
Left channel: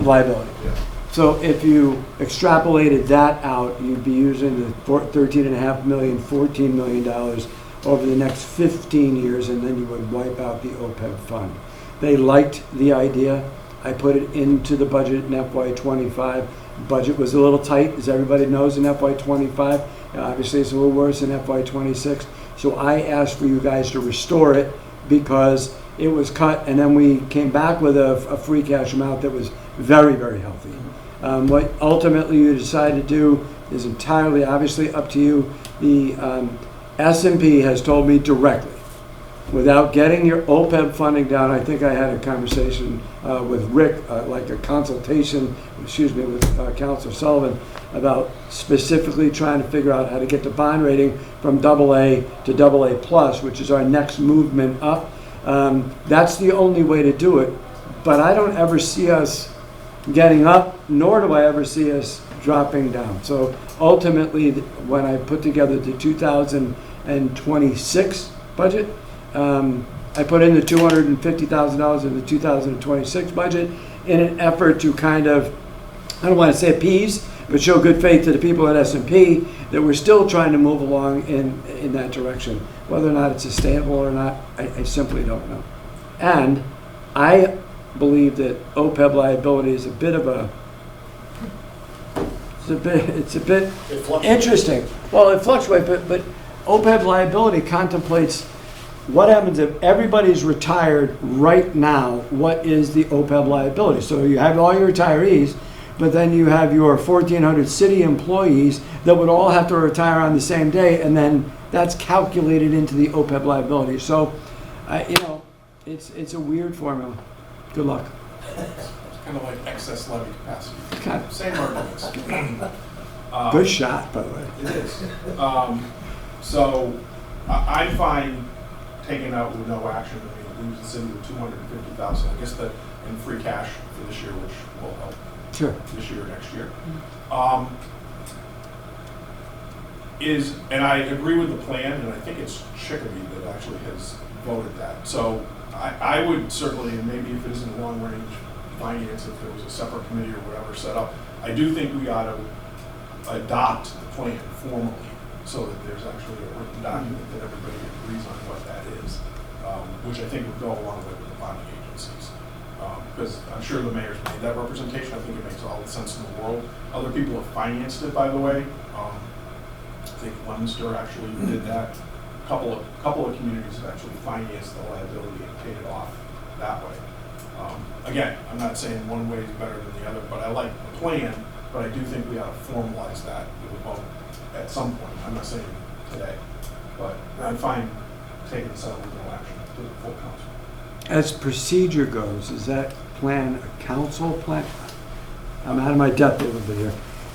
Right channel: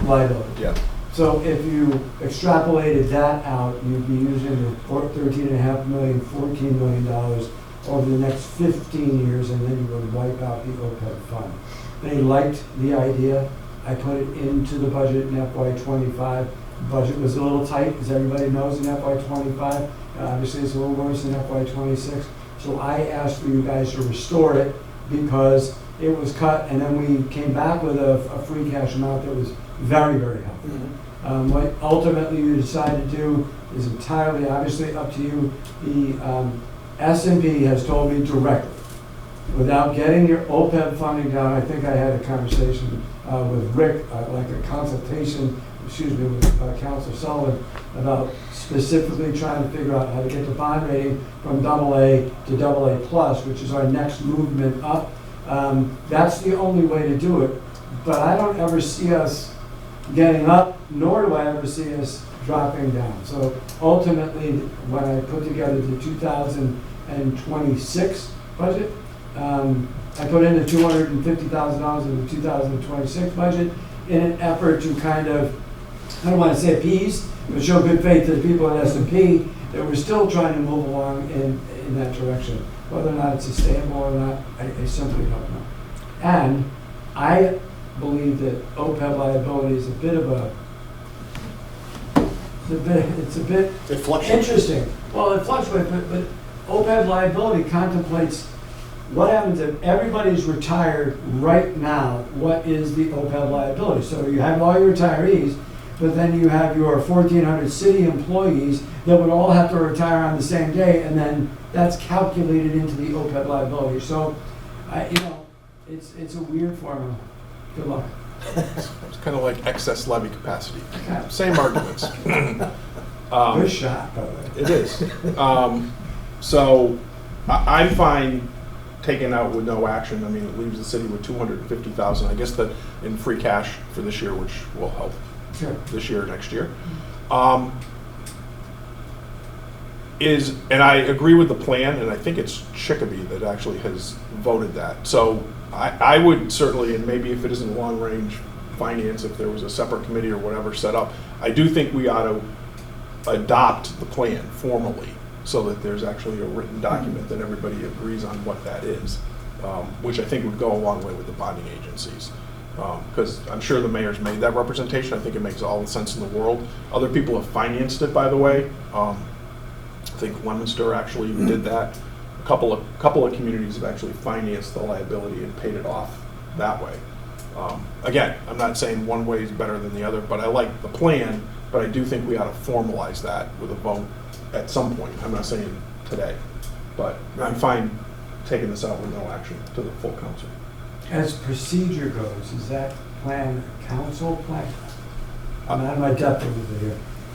liability. Yeah. So if you extrapolated that out, you'd be using the $13.5 million, $14 million over the next 15 years, and then you would wipe out the OPEB fund. They liked the idea. I put it into the budget in FY25. The budget was a little tight, as everybody knows, in FY25. Obviously, it's a little worse in FY26. So I asked for you guys to restore it because it was cut, and then we came back with a free cash amount that was very, very healthy. What ultimately you decide to do is entirely, obviously, up to you. The S&P has told me directly, without getting your OPEB funding down, I think I had a conversation with Rick, like a consultation, with Councilor Sullivan, about specifically trying to figure out how to get the bond rating from AA to AA+, which is our next movement up. That's the only way to do it, but I don't ever see us getting up, nor do I ever see us dropping down. So ultimately, when I put together the 2026 budget, I put in the $250,000 in the 2026 budget in an effort to kind of, I don't want to say appease, but show good faith to the people at S&P that we're still trying to move along in that direction. Whether or not it's sustainable or not, I simply don't know. And I believe that OPEB liability is a bit of it's a bit It fluctuates. interesting. Well, it fluctuates, but OPEB liability contemplates what happens if everybody's retired right now. What is the OPEB liability? So you have all your retirees, but then you have your 1,400 city employees that would all have to retire on the same day, and then that's calculated into the OPEB liability. So, it's a weird formula. Good luck. It's kind of like excess levy capacity. Okay. Same arguments. Good shot, by the way. It is. So I'm fine taken out with no action, I mean, it leaves the city with 250,000, I guess, that in free cash for this year, which will help Sure. this year, next year. And I agree with the plan, and I think it's Chicopee that actually has voted that. So I would certainly, and maybe if it isn't long-range finance, if there was a separate committee or whatever set up, I do think we ought to adopt the plan formally so that there's actually a written document that everybody agrees on what that is, which I think would go a long way with the bonding agencies. Because I'm sure the mayor's made that representation. I think it makes all the sense in the world. Other people have financed it, by the way. I think Leominster actually did that. A couple of communities have actually financed the liability and paid it off that way. Again, I'm not saying one way is better than the other, but I like the plan, but I do think we ought to formalize that with a vote at some point. I'm not saying today, but I'm fine taking this out with no action to the full council. As procedure goes, is that plan a council plan? I'm out of my depth over here.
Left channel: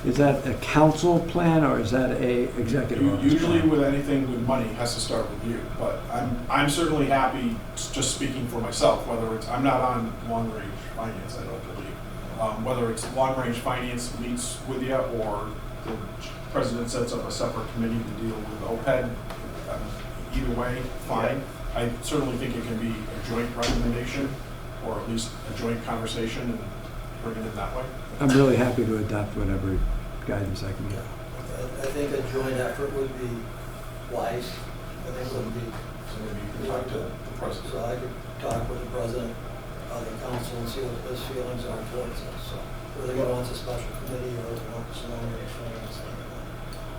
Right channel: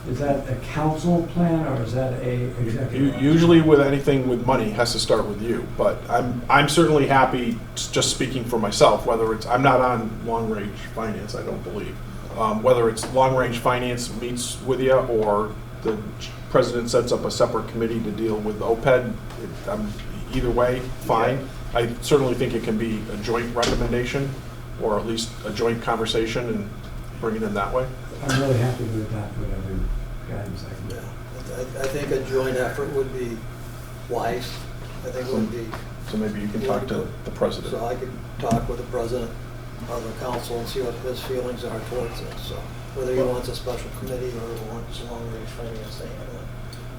Is that a council plan or is that a executive? order? Usually with anything with money, it has to start with you, but I'm certainly happy, just speaking for myself, whether it's, I'm not on long-range finance, I don't believe. Whether it's long-range finance meets with you or the president sets up a separate committee to deal with OPED, either way, fine. I certainly think it can be a joint recommendation or at least a joint conversation and bring it in that way. I'm really happy to adopt whatever guidance I can Yeah, get. I think a joint effort would be wise. I think it would be, So maybe you can talk to the president. so I could talk with the president of the council and see what his feelings are towards it, so whether he wants a special committee or he wants a long-range financing.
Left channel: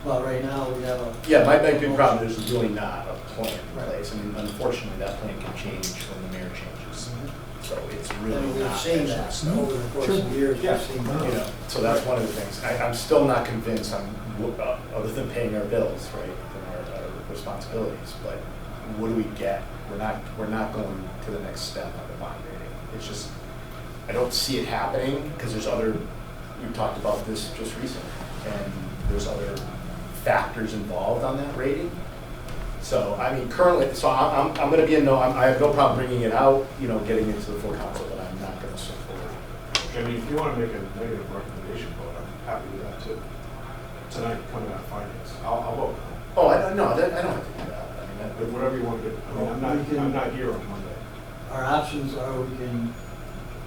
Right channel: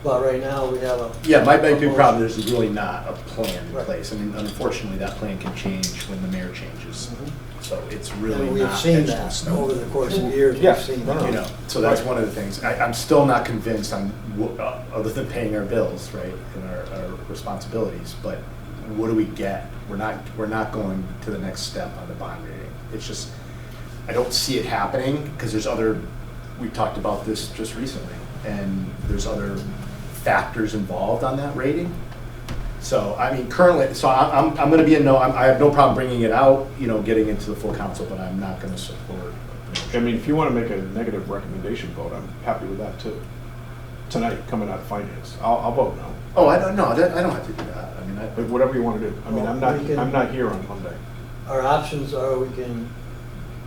But right now, we have a. Yeah, my big motion. problem is there's really not a plan in Right. place. I mean, unfortunately, that plan can change when the mayor changes. Mhm. So it's really And we've not seen etched in that stone. over the course of years, Yeah. we've seen No, no. that. You know, so that's Right. one of the things. I'm still not convinced on, other than paying our bills, right, and our responsibilities, but what do we get? We're not going to the next step on the bond rating. It's just, I don't see it happening, because there's other, we talked about this just recently, and there's other factors involved on that rating. So, I mean, currently, so I'm gonna be a no, I have no problem bringing it out, you know, getting into the full council, but I'm not gonna support. I mean, if you want to make a negative recommendation vote, I'm happy with that too. Tonight, coming out of finance, I'll vote no. Oh, I don't have to do that. I mean, But whatever you want to do. I mean, Well, we can- I'm not here on Monday. Our options are we can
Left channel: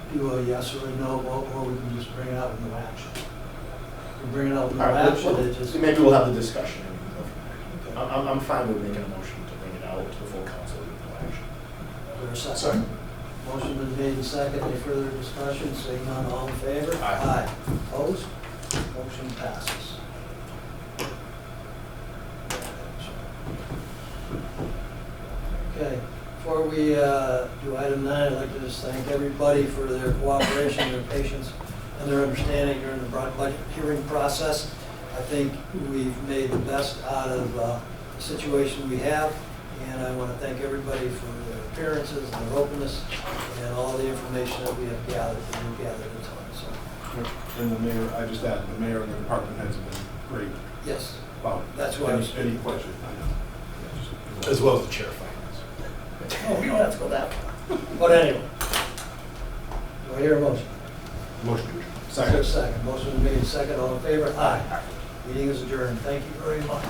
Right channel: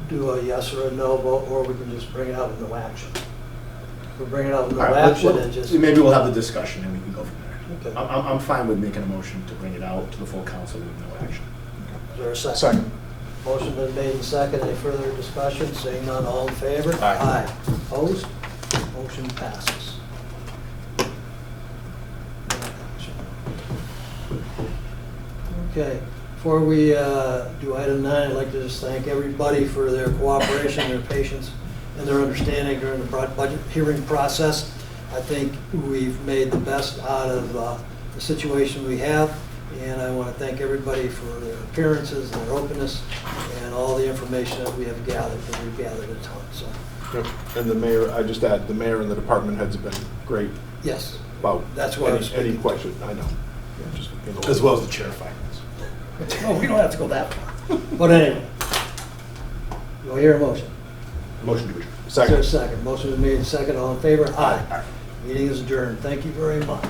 do a yes or a no vote, or we can just bring it out with no action. If we bring it out with no All right, action, it just. maybe we'll have the discussion and we can go from Okay. there. I'm fine with making a motion to bring it out to the full council with no action. Is there a second? Second. Motion been made and second. Any further discussion? Seeing none, all in favor? Aye. Opposed? Motion passes. Okay, before we do item 9, I'd like to just thank everybody for their cooperation, their patience, and their understanding during the budget hearing process. I think we've made the best out of the situation we have, and I want to thank everybody for their appearances and their openness and all the information that we have gathered, and we've gathered a ton, so, And the mayor, I just add, the mayor and the department heads have been great yes. about That's what I was any speaking. question, I know. Yeah, just- As well as the chair of finance. No, we don't have to go that far. But anyway, do I hear a motion? Motion to adjourn. Is there a Second. second? Motion is made and second. All in favor? Aye. Meeting is adjourned. Thank you very much.